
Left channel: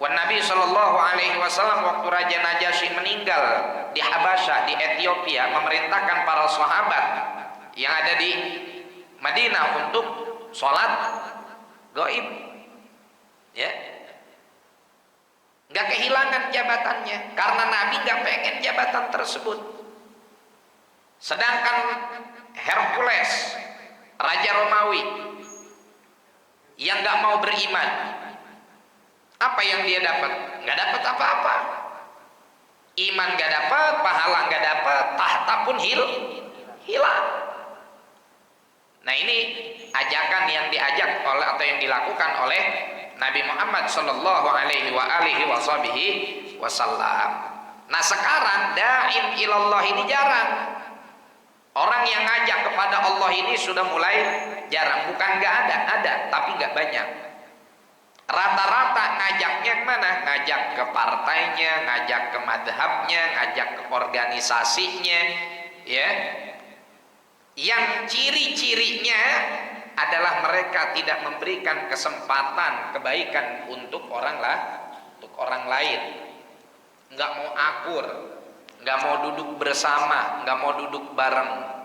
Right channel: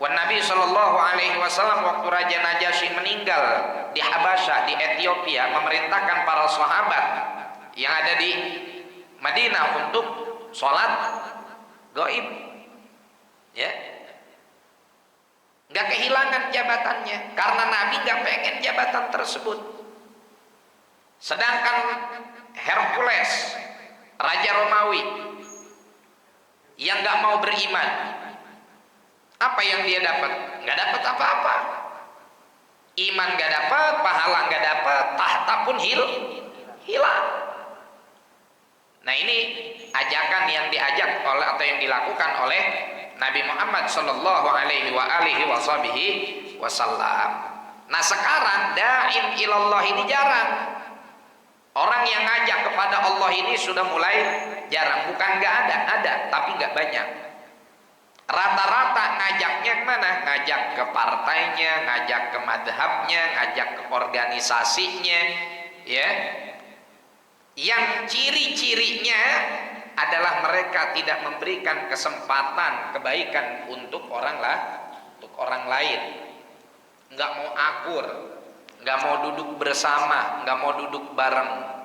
Wan Nabi Shallallahu Alaihi Wasallam waktu Raja Najasyi meninggal di Habasyah, di Ethiopia, memerintahkan para sahabat yang ada di Madinah untuk sholat gaib. Ya, nggak kehilangan jabatannya karena Nabi nggak pengen jabatan tersebut. Sedangkan Hercules, Raja Romawi yang nggak mau beriman, apa yang dia dapat? Nggak dapat apa-apa. Iman nggak dapat, pahala nggak dapat, tahta pun hilang. Nah, ini ajakan yang diajak oleh atau yang dilakukan oleh Nabi Muhammad Shallallahu Alaihi Wasallam. Nah, sekarang da'in ilallah ini jarang. Orang yang ngajak kepada Allah ini sudah mulai jarang. Bukan nggak ada, tapi nggak banyak. Rata-rata ngajaknya kemana? Ngajak ke partainya, ngajak ke madhabnya, ngajak ke organisasinya, ya. Yang ciri-cirinya adalah mereka tidak memberikan kesempatan kebaikan untuk orang lain. Nggak mau akur, nggak mau duduk bersama, nggak mau duduk bareng.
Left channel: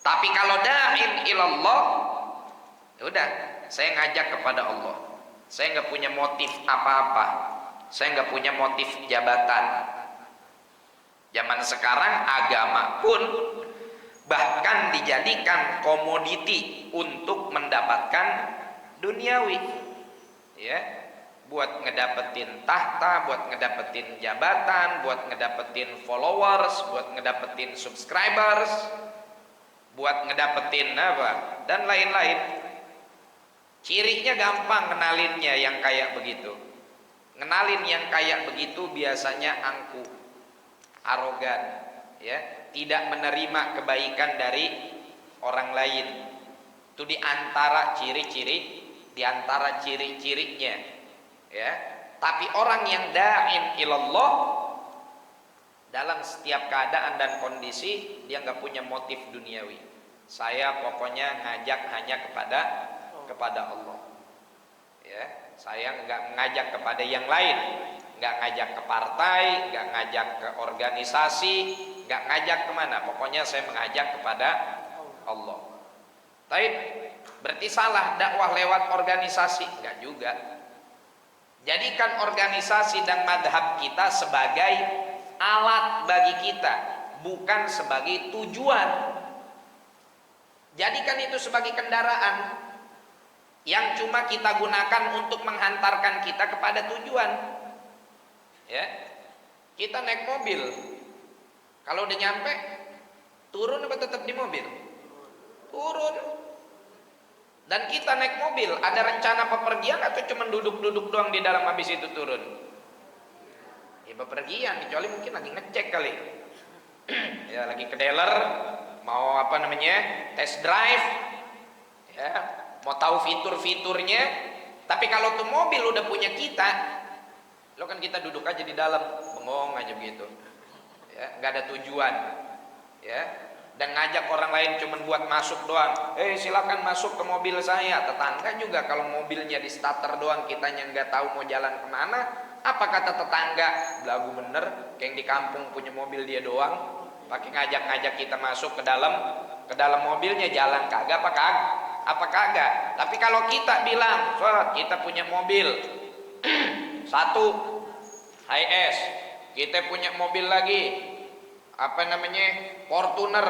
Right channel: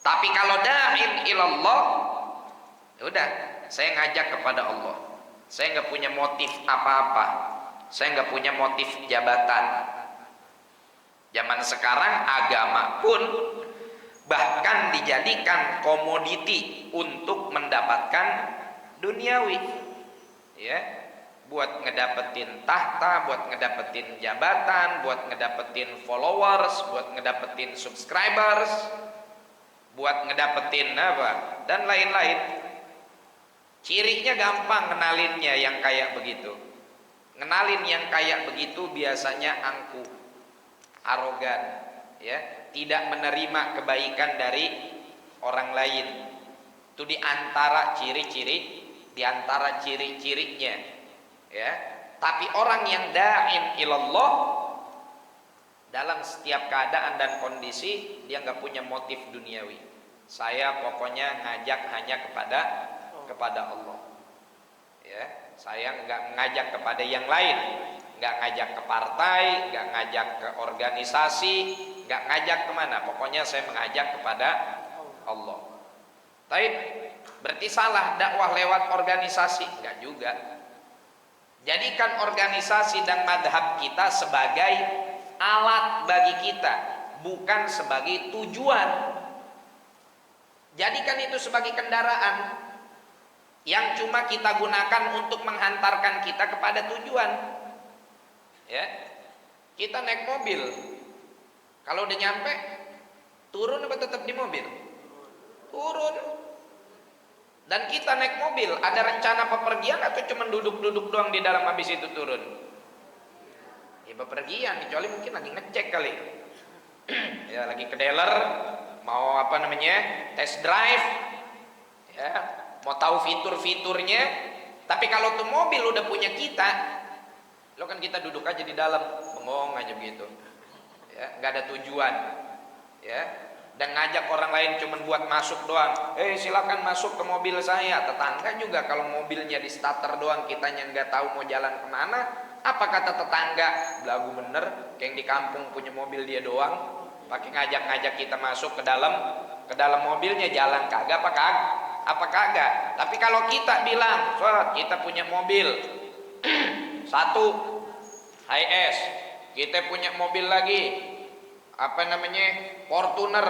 Tapi kalau da'in ilallah, ya udah, saya ngajak kepada Allah. Saya nggak punya motif apa-apa. Saya nggak punya motif jabatan. Zaman sekarang agama pun bahkan dijadikan komoditi untuk mendapatkan duniawi, ya, buat ngedapetin tahta, buat ngedapetin jabatan, buat ngedapetin followers, buat ngedapetin subscribers, buat ngedapetin apa dan lain-lain. Cirinya gampang ngenalinnya yang kayak begitu. Ngenalin yang kayak begitu biasanya angkuh, arogan, ya, tidak menerima kebaikan dari orang lain. Itu diantara ciri-cirinya, ya. Tapi orang yang da'in ilallah, dalam setiap keadaan dan kondisi dia nggak punya motif duniawi. Saya pokoknya ngajak hanya kepada Allah, ya. Saya nggak ngajak kepada yang lain, nggak ngajak ke partai, nggak ngajak ke organisasi, nggak ngajak kemana. Pokoknya saya mengajak kepada Allah. Tapi berarti salah dakwah lewat organisasi? Nggak juga. Jadikan organisasi dan madhab kita sebagai alat bagi kita, bukan sebagai tujuan. Jadikan itu sebagai kendaraan yang cuma kita gunakan untuk menghantarkan kita kepada tujuan, ya. Kita naik mobil, kalau udah nyampe turun apa tetap di mobil? Turun. Dan kita naik mobil ada rencana pepergian atau cuma duduk-duduk doang di dalam habis itu turun? Ya bepergian, kecuali mungkin lagi ngecek kali. Ya lagi ke dealer, mau apa namanya, test drive, ya, mau tahu fitur-fiturnya. Tapi kalau tuh mobil udah punya kita, lo kan kita duduk aja di dalam, bengong aja begitu, ya, nggak ada tujuan, ya. Dan ngajak orang lain cuma buat masuk doang. Silakan masuk ke mobil saya. Tetangga juga kalau mobilnya di starter doang, kitanya nggak tahu mau jalan kemana. Apa kata tetangga? Belagu bener, kayak yang di kampung punya mobil dia doang, pakai ngajak-ngajak kita masuk ke dalam mobilnya, jalan kagak apa kagak. Tapi kalau kita bilang, kita punya mobil satu HS, kita punya mobil lagi apa namanya, Fortuner,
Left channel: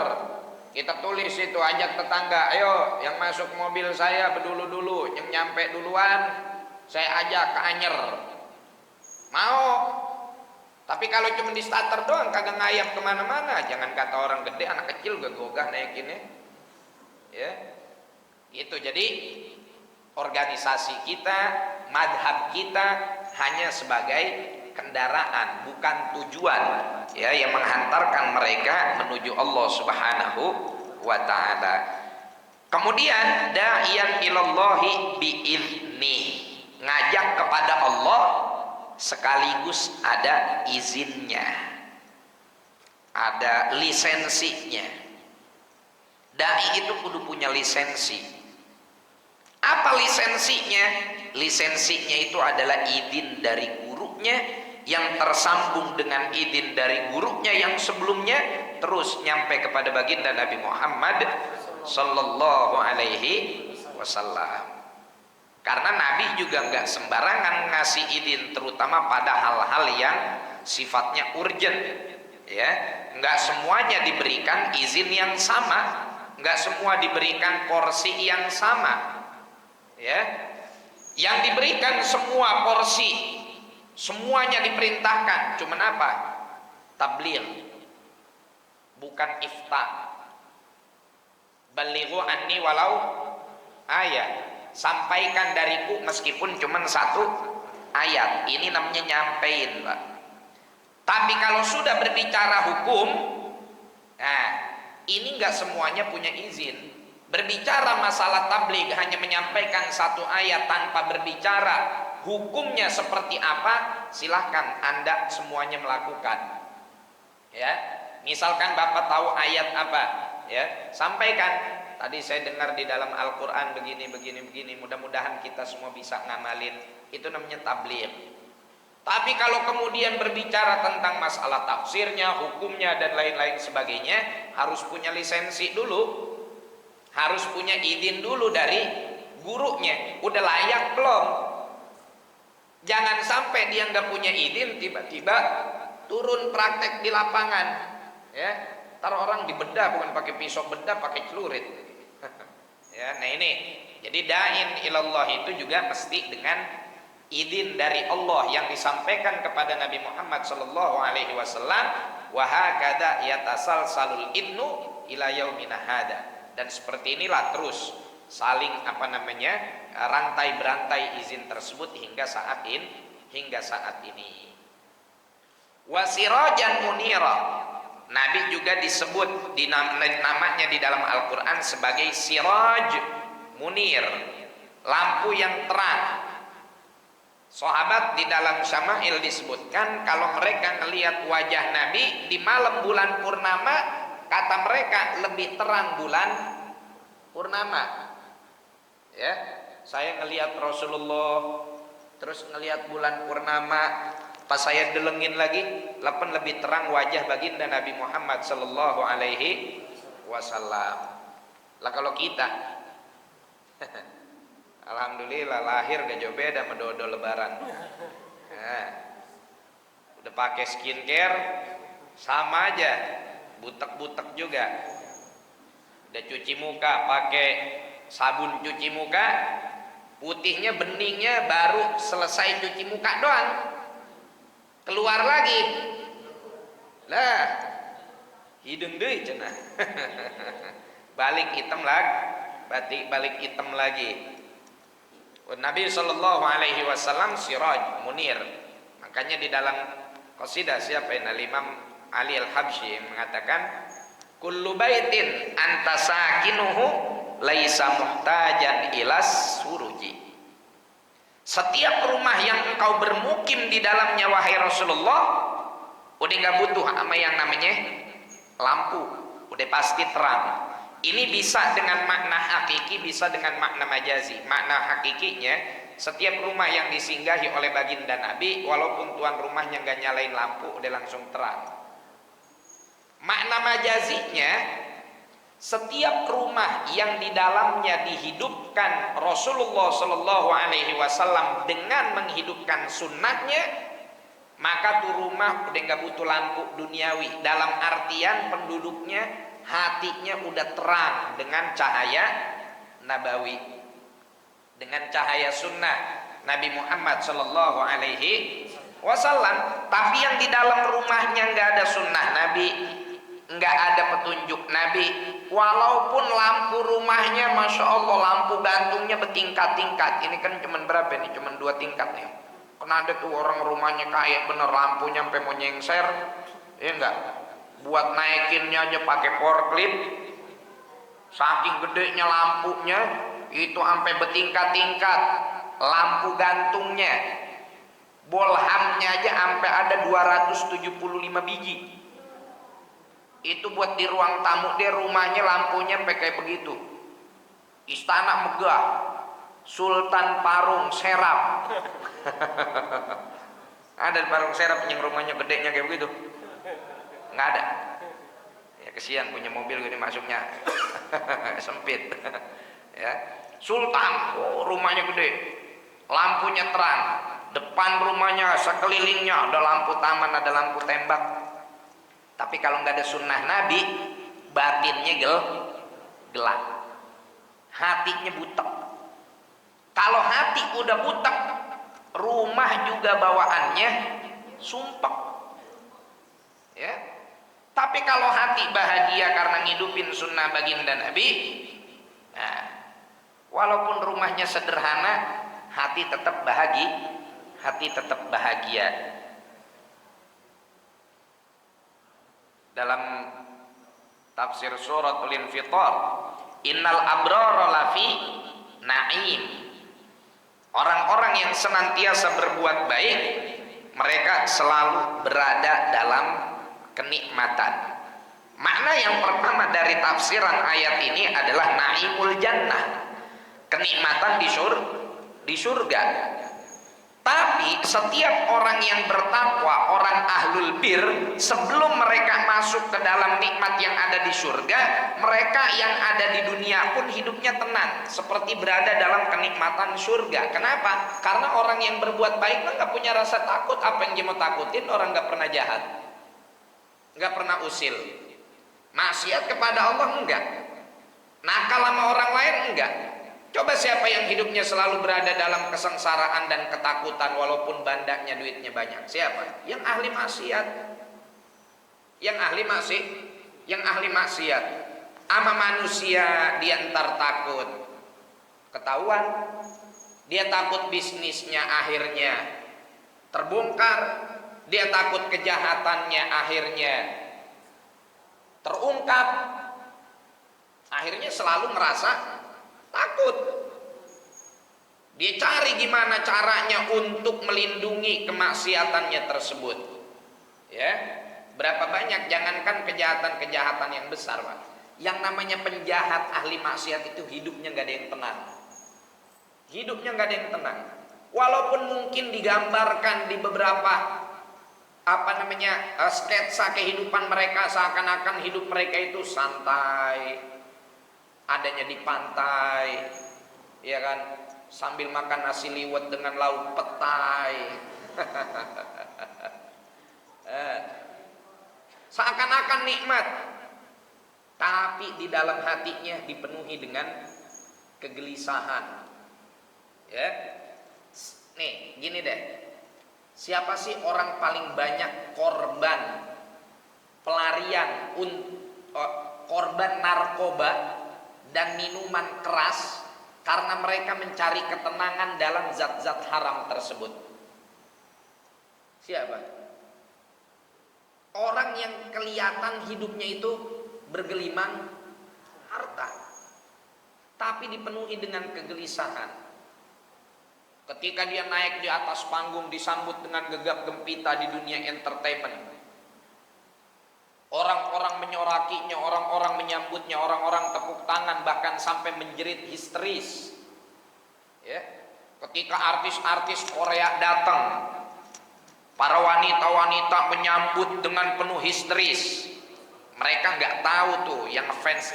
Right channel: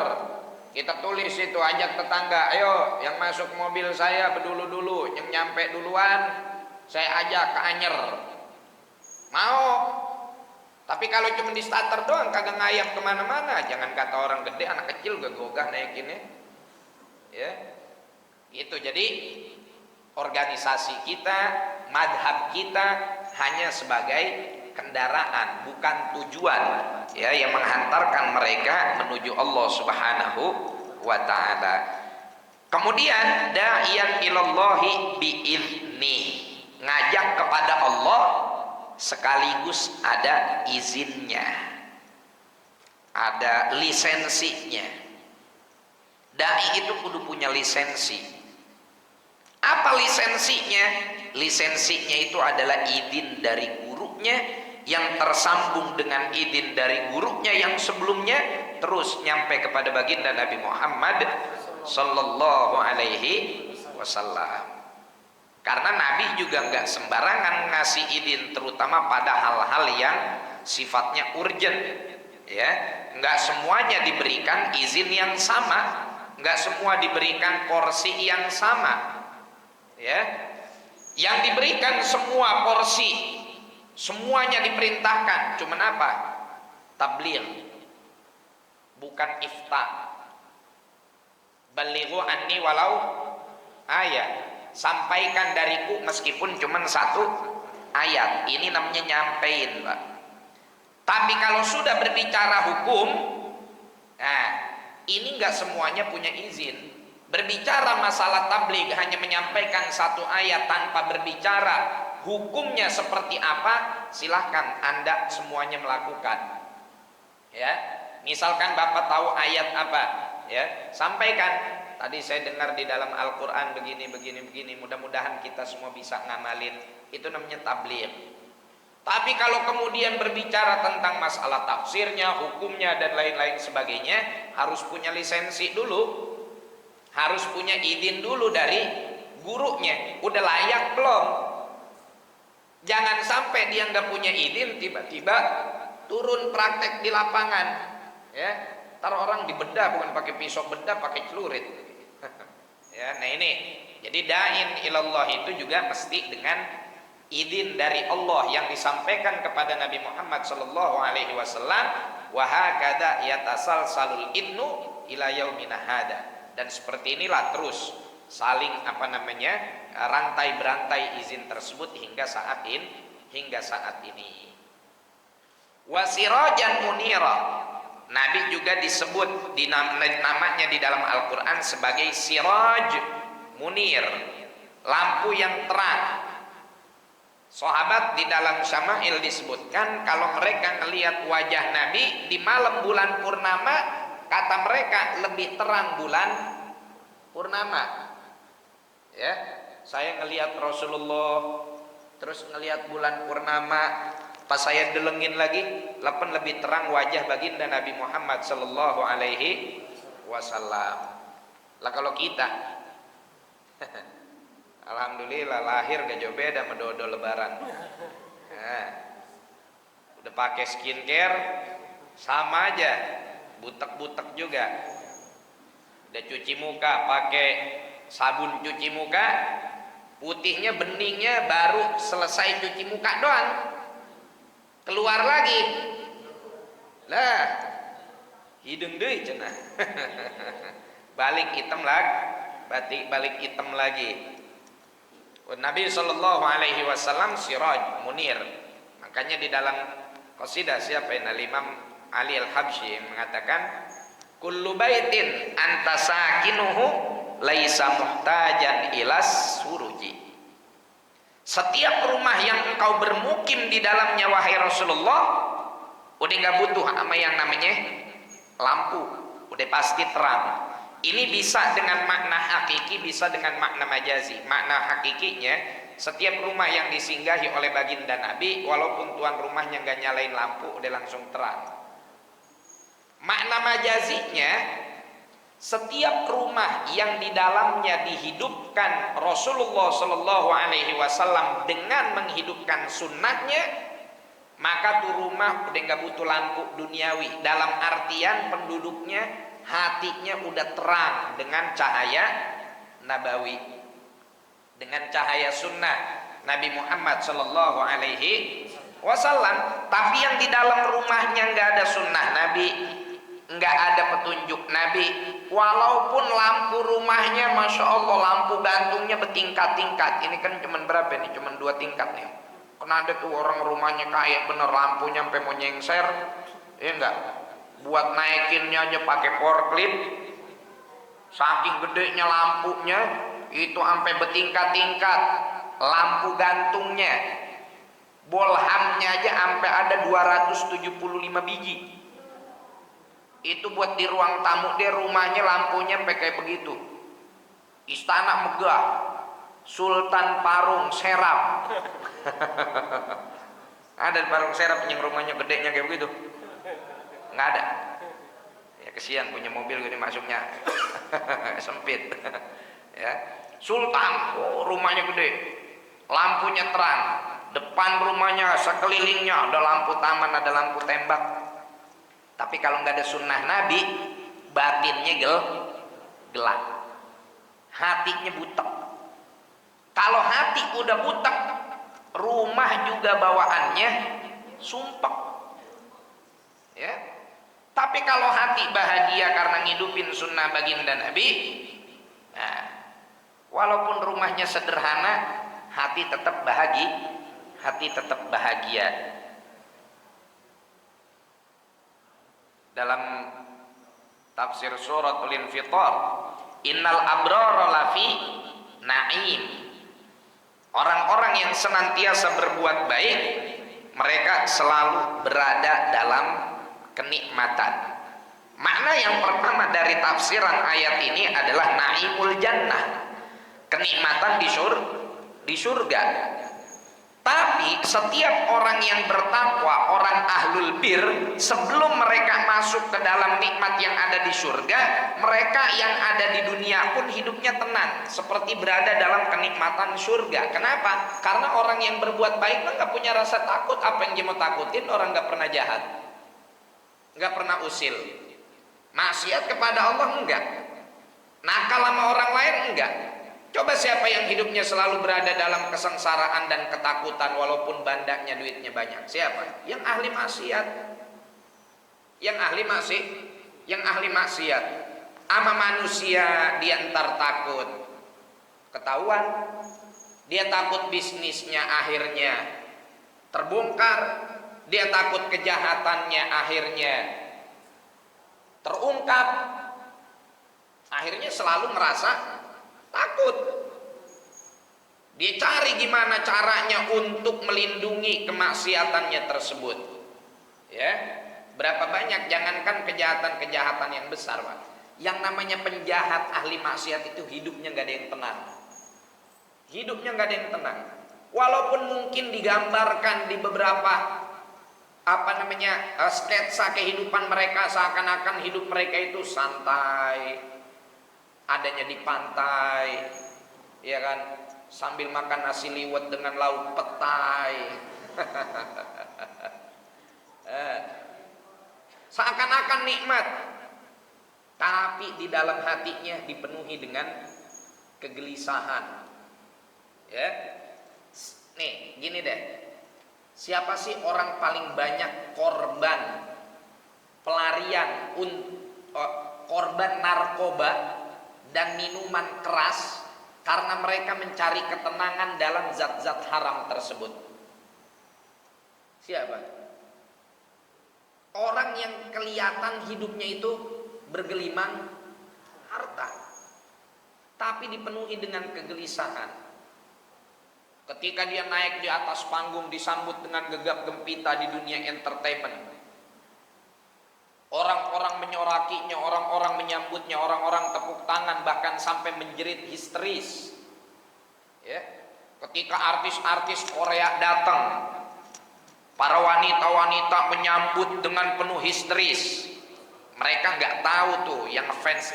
kita tulis itu, ajak tetangga, ayo yang masuk mobil saya berdulu-dulu, yang nyampe duluan saya ajak ke Anyer, mau. Tapi kalau cuma di starter doang kagak ngayap kemana-mana, jangan kata orang gede, anak kecil gak gogah naikinnya, ya. Itu jadi organisasi kita, madhab kita hanya sebagai kendaraan, bukan tujuan, ya, yang menghantarkan mereka menuju Allah Subhanahu wa ta'ala. Kemudian da'iyan ilallahi biizni, ngajak kepada Allah sekaligus ada izinnya, ada lisensinya. Dai itu kudu punya lisensi. Apa lisensinya? Lisensinya itu adalah izin dari gurunya yang tersambung dengan izin dari gurunya yang sebelumnya, terus nyampe kepada baginda Nabi Muhammad sallallahu alaihi wasallam. Karena Nabi juga nggak sembarangan ngasih izin, terutama pada hal-hal yang sifatnya urgent, ya. Nggak semuanya diberikan izin yang sama, nggak semua diberikan porsi yang sama, ya. Yang diberikan semua porsi, semuanya diperintahkan, cuman apa? Tabligh, bukan ifta. Balighu anni walau ayat, sampaikan dariku meskipun cuman satu ayat. Ini namanya nyampein, Pak. Tapi kalau sudah berbicara hukum, nah ini nggak semuanya punya izin. Berbicara masalah tabligh hanya menyampaikan satu ayat tanpa berbicara hukumnya seperti apa, silahkan Anda semuanya melakukan. Ya, misalkan Bapak tahu ayat apa, ya, sampaikan. Tadi saya dengar di dalam Al-Quran begini. Mudah-mudahan kita semua bisa ngamalin. Itu namanya tabligh. Tapi kalau kemudian berbicara tentang masalah tafsirnya, hukumnya dan lain-lain sebagainya, harus punya lisensi dulu, harus punya izin dulu dari gurunya. Udah layak belum? Jangan sampai dia nggak punya izin, tiba-tiba turun praktek di lapangan, ya. Ntar orang dibedah bukan pakai pisau bedah, pakai celurit. Ya, nah ini. Jadi da'in ilallah itu juga mesti dengan izin dari Allah yang disampaikan kepada Nabi Muhammad sallallahu alaihi wasallam, wa hakadha yatasalsalul idnu ila yaumina hada. Dan seperti inilah terus saling rantai berantai izin tersebut hingga saat ini. Wasirajan munira. Nabi juga disebut namanya di dalam Al-Qur'an sebagai siraj munir, lampu yang terang. Sahabat di dalam Syama'il disebutkan kalau mereka melihat wajah Nabi di malam bulan purnama, kata mereka lebih terang bulan purnama. Ya, saya ngelihat Rasulullah, terus ngelihat bulan purnama, pas saya delengin lagi, lebih terang wajah baginda Nabi Muhammad sallallahu alaihi wasallam. Lah kalau kita alhamdulillah lahir gak jauh beda sama dodo lebaran. Nah, udah pakai skincare sama aja, butek-butek juga. Udah cuci muka pakai sabun cuci muka, putihnya beningnya baru selesai cuci muka doang, keluar lagi. Lah, hidung deui cenah. Balik hitam lagi. Nabi sallallahu alaihi wasallam siraj munir. Makanya di dalam qasidah siapa ini Imam Ali Al-Habsyi mengatakan kullu baitin anta sakinuhu laisa muhtajan ilas suruji. Setiap rumah yang engkau bermukim di dalamnya wahai Rasulullah, udah enggak butuh sama yang namanya lampu, udah pasti terang. Ini bisa dengan makna hakiki, bisa dengan makna majazi. Makna hakikinya, setiap rumah yang disinggahi oleh baginda Nabi, walaupun tuan rumahnya nggak nyalain lampu, udah langsung terang. Makna majazinya, setiap rumah yang di dalamnya dihidupkan Rasulullah Shallallahu Alaihi Wasallam dengan menghidupkan sunnahnya, maka tuh rumah udah nggak butuh lampu duniawi. Dalam artian penduduknya hatinya udah terang dengan cahaya nabawi, dengan cahaya sunnah Nabi Muhammad Sallallahu Alaihi Wasallam. Tapi yang di dalam rumahnya nggak ada sunnah Nabi, nggak ada petunjuk Nabi, walaupun lampu rumahnya masya Allah lampu gantungnya bertingkat-tingkat. Ini kan cuman berapa nih? Cuman 2 tingkat nih. Karena ada tuh orang rumahnya kayak bener lampunya sampai mau nyengser, ya enggak? Buat naikinnya aja pakai forklift, saking gedenya lampunya itu sampai bertingkat-tingkat. Lampu gantungnya, bolhamnya aja sampai ada 275 biji. Itu buat di ruang tamu dia, rumahnya lampunya sampai kayak begitu. Istana megah, Sultan Parung Serap. Ada Parung Serap yang rumahnya gedenya kayak begitu? Nggak ada. Ya kesian punya mobil gini masuknya sempit. Ya, Sultan, oh, rumahnya gede, lampunya terang, depan rumahnya sekelilingnya ada lampu taman, ada lampu tembak. Tapi kalau nggak ada sunnah Nabi, batinnya gelap, hatinya butek. Kalau hati udah butek, rumah juga bawaannya sumpek. Ya. Tapi kalau hati bahagia karena ngidupin sunnah baginda Nabi, nah, walaupun rumahnya sederhana, hati tetap bahagia. Dalam Tafsir suratul Infitar. Innal abrara lafi na'im. Orang-orang yang senantiasa berbuat baik, mereka selalu berada dalam kenikmatan. Makna yang pertama dari tafsiran ayat ini adalah naimul jannah, kenikmatan di surga. Tapi setiap orang yang bertakwa, orang ahlul bir, sebelum mereka masuk ke dalam nikmat yang ada di surga, mereka yang ada di dunia pun hidupnya tenang, seperti berada dalam kenikmatan surga. Kenapa? Karena orang yang berbuat baik nggak punya rasa takut. Apa yang dia mau takutin? Orang nggak pernah jahat, nggak pernah usil, maksiat kepada Allah enggak, nakal sama orang lain enggak. Coba siapa yang hidupnya selalu berada dalam kesengsaraan dan ketakutan walaupun bandanya duitnya banyak? Siapa? Yang ahli maksiat. Yang ahli maksiat. Ama manusia dia entar takut ketahuan, dia takut bisnisnya akhirnya terbongkar, dia takut kejahatannya akhirnya terungkap, akhirnya selalu merasa takut. Dia cari gimana caranya untuk melindungi kemaksiatannya tersebut. Ya, berapa banyak, jangankan kejahatan-kejahatan yang besar, Pak. Yang namanya penjahat ahli maksiat itu hidupnya nggak ada yang tenang. Hidupnya nggak ada yang tenang. Walaupun mungkin digambarkan di beberapa sketsa kehidupan mereka, seakan-akan hidup mereka itu santai, adanya di pantai, ya kan, sambil makan nasi liwet dengan lauk petai. Seakan-akan nikmat, tapi di dalam hatinya dipenuhi dengan kegelisahan. Ya, nih gini deh, siapa sih orang paling banyak korban pelarian, korban narkoba dan minuman keras karena mereka mencari ketenangan dalam zat-zat haram tersebut? Siapa? Orang yang kelihatan hidupnya itu bergelimang harta, tapi dipenuhi dengan kegelisahan. Ketika dia naik di atas panggung disambut dengan gegap gempita di dunia entertainment, orang-orang menyorakinya, orang-orang menyambutnya, orang-orang tepuk tangan, bahkan sampai menjerit histeris. Ya, ketika artis-artis Korea datang, para wanita-wanita menyambut dengan penuh histeris. Mereka nggak tahu tuh yang ngefans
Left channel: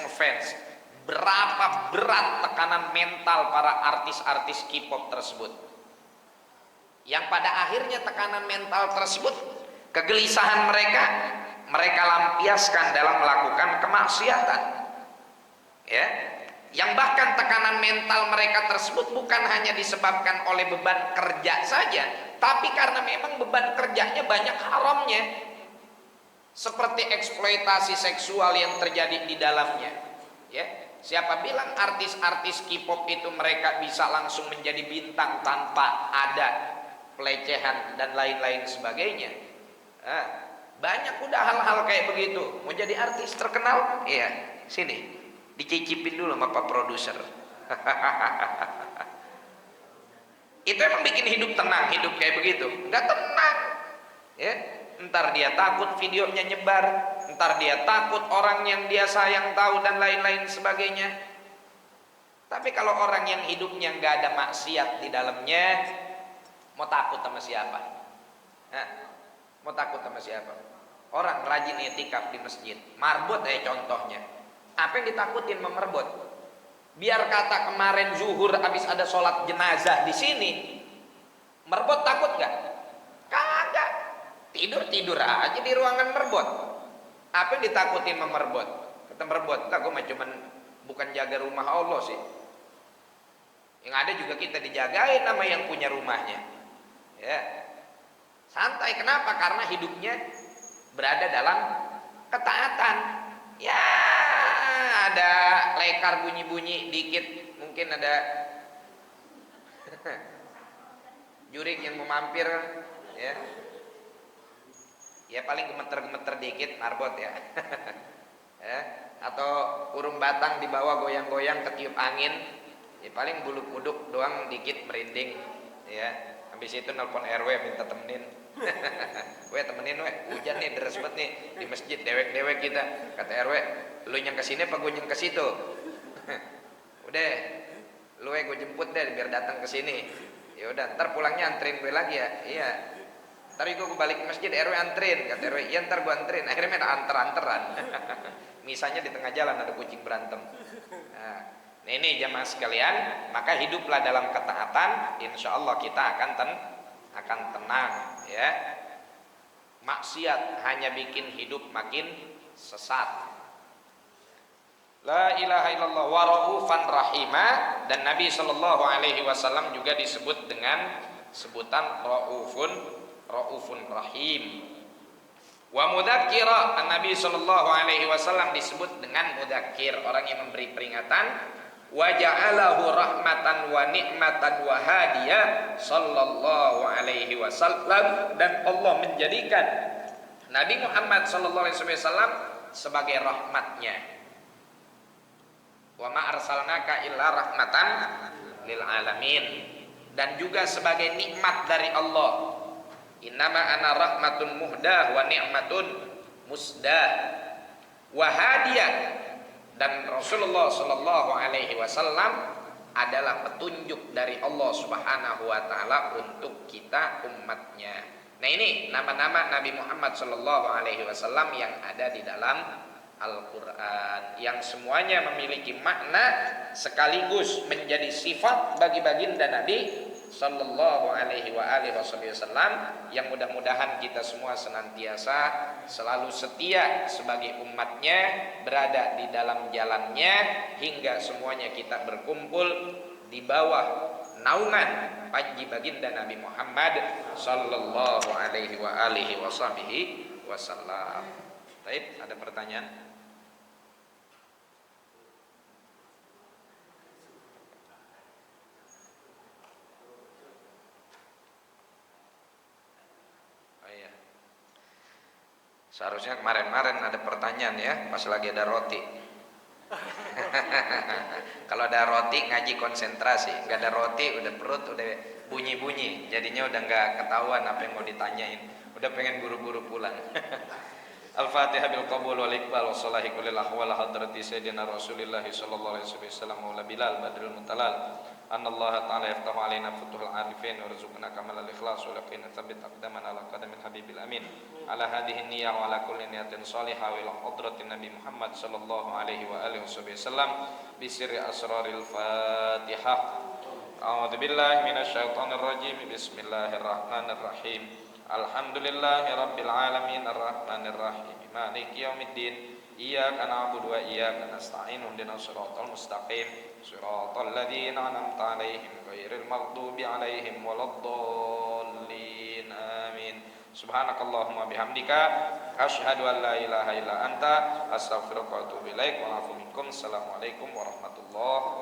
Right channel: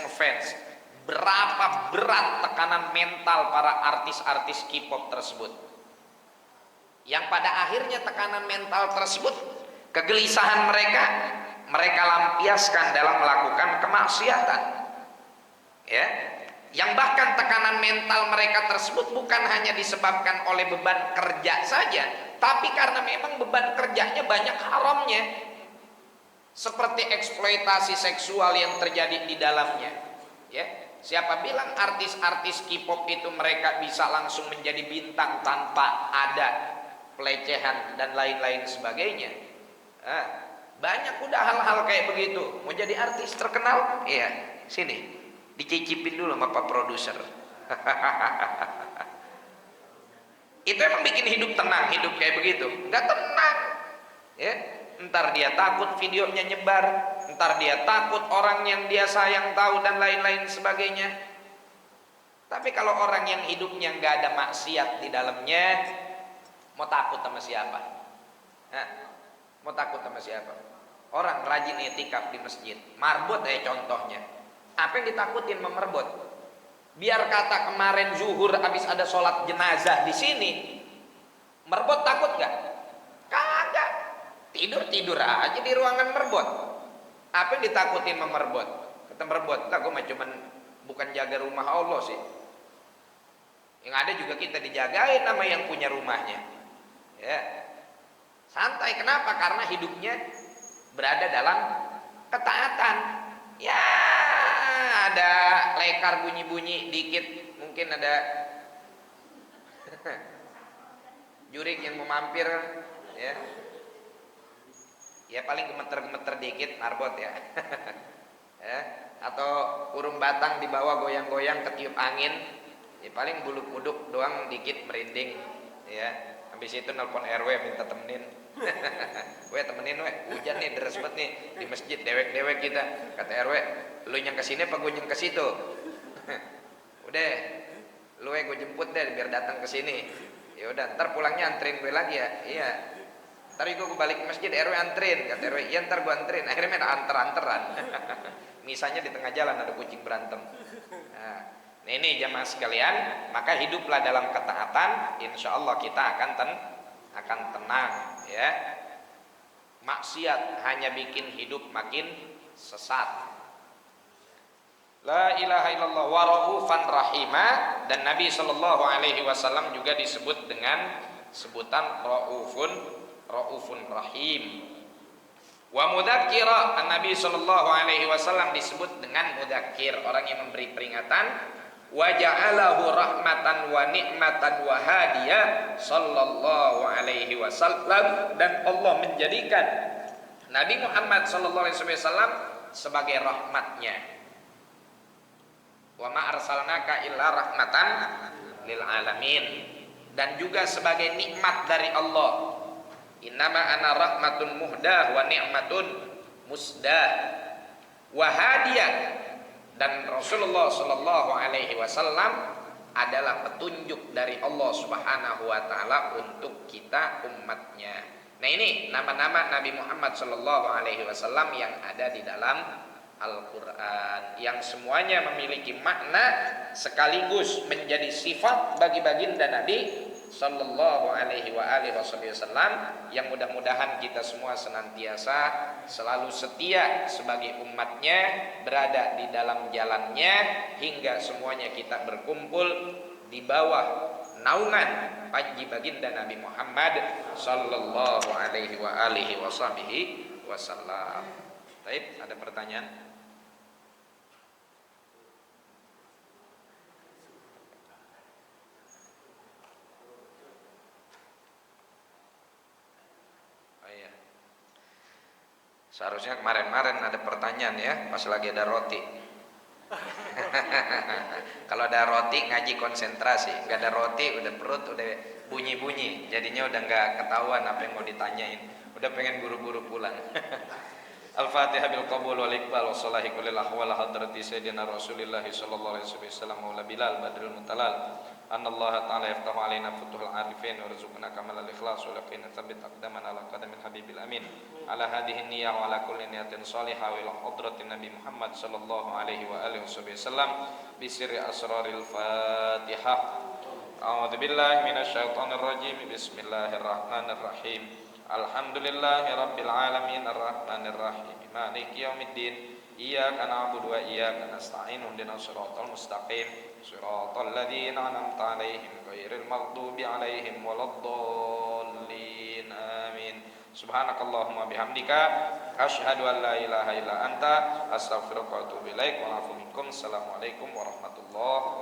berapa berat tekanan mental para artis-artis K-pop tersebut. Yang pada akhirnya tekanan mental tersebut, kegelisahan mereka lampiaskan dalam melakukan kemaksiatan. Ya, yang bahkan tekanan mental mereka tersebut bukan hanya disebabkan oleh beban kerja saja, tapi karena memang beban kerjanya banyak haramnya, seperti eksploitasi seksual yang terjadi di dalamnya. Ya, siapa bilang artis-artis K-pop itu mereka bisa langsung menjadi bintang tanpa ada pelecehan dan lain-lain sebagainya? Banyak udah hal-hal kayak begitu. Mau jadi artis terkenal? Iya, sini dicicipin dulu sama Pak Produser. Itu emang bikin hidup tenang, hidup kayak begitu? Nggak tenang. Ya, ntar dia takut videonya nyebar, ntar dia takut orang yang dia sayang tahu dan lain-lain sebagainya. Tapi kalau orang yang hidupnya nggak ada maksiat di dalamnya, mau takut sama siapa? Mau takut sama siapa? Orang rajin i'tikaf di masjid, marbot contohnya. Apa yang ditakutin memerbot? Biar kata kemarin zuhur habis ada sholat jenazah di sini, merbot takut nggak? Kagak, tidur aja di ruangan merbot. Apa yang ditakutin memerbot? Kata merbot, enggak, gue mah cuman bukan jaga rumah Allah sih. Yang ada juga kita dijagain sama yang punya rumahnya. Ya, santai. Kenapa? Karena hidupnya berada dalam ketaatan. Ya, ada lekar bunyi-bunyi dikit, mungkin ada jurik yang mau mampir, ya. Ya paling gemeter-gemeter dikit marbot ya. Ya, atau urung batang di bawah goyang-goyang ketiup angin, ya paling buluk-buduk doang dikit merinding, ya. Habis itu nelpon RW minta temenin. We temenin we, hujan nih deras banget nih di masjid, dewek-dewek kita. Kata RW, lu yang kesini apa gue yang ke situ? Udah, lu gue jemput deh biar datang ke sini. Ya udah, ntar pulangnya anterin gue lagi ya. Iya. Ntar gue balik ke masjid, RW anterin. Kata RW, iya ntar gue anterin. Akhirnya main anter-anteran. Misalnya di tengah jalan ada kucing berantem. Nah ini jamaah sekalian, maka hiduplah dalam ketaatan, insya Allah kita akan tenang, ya. Maksiat hanya bikin hidup makin sesat. La ilaha illallah wa raufan rahima, dan Nabi sallallahu alaihi wasallam juga disebut dengan sebutan raufun rahim. Wa mudzakira, Nabi sallallahu alaihi wasallam disebut dengan mudzakir, orang yang memberi peringatan. Wa ja'alahu rahmatan wa ni'matan wa hadiya sallallahu alaihi wasallam, dan Allah menjadikan Nabi Muhammad sallallahu alaihi wasallam sebagai rahmatnya. Wa ma arsalnaka illa rahmatan lil alamin, dan juga sebagai nikmat dari Allah. Innama ana rahmatun muhdah wa ni'matun musdah wa hadiyah, dan Rasulullah sallallahu alaihi wasallam adalah petunjuk dari Allah Subhanahu wa taala untuk kita umatnya. Nah ini nama-nama Nabi Muhammad sallallahu alaihi wasallam yang ada di dalam Al-Qur'an, yang semuanya memiliki makna sekaligus menjadi sifat bagi baginda Nabi sallallahu alaihi wasallam, yang mudah-mudahan kita semua senantiasa selalu setia sebagai umatnya, berada di dalam jalannya hingga semuanya kita berkumpul di bawah naungan panji baginda Nabi Muhammad sallallahu alaihi wasallam. Baik, ada pertanyaan? Seharusnya kemarin-kemarin ada pertanyaan ya, pas lagi ada roti. Kalau ada roti ngaji konsentrasi, nggak ada roti udah perut udah bunyi-bunyi, jadinya udah nggak ketahuan apa yang mau ditanyain, udah pengen buru-buru pulang. Al-Fatihah bil qabul wal iqbal wa salahi kulil ahwal hadrati sayyidina Rasulillah sallallahu alaihi wasallam maula Bilal badrul mutalal. Anallaha ta'ala yaftahu alaina futuhul arifin warzuqna kamalal ikhlas wa laqina tsabbit aqdamana ala qadamil habibil amin. Ala hadhihi niyyah wa ala kulli niyatin salihah wa ila hadratin Nabi Muhammad sallallahu alaihi wa alihi wasallam bi sirri asraril Fatihah. A'udzu billahi minasyaitonir rajim. Bismillahirrahmanirrahim. Alhamdulillahi rabbil alamin arrahmanir rahim maliki yaumiddin. Iyyaka na'budu wa iyyaka nasta'in ihdinas siratal mustaqim siratal ladzina an'amta 'alaihim ghairil maghdubi 'alaihim waladdallin amin. Subhanakallahumma bihamdika asyhadu an la ilaha illa anta astaghfiruka wa atubu ilaik wa a'udzu bikum. Assalamualaikum warahmatullahi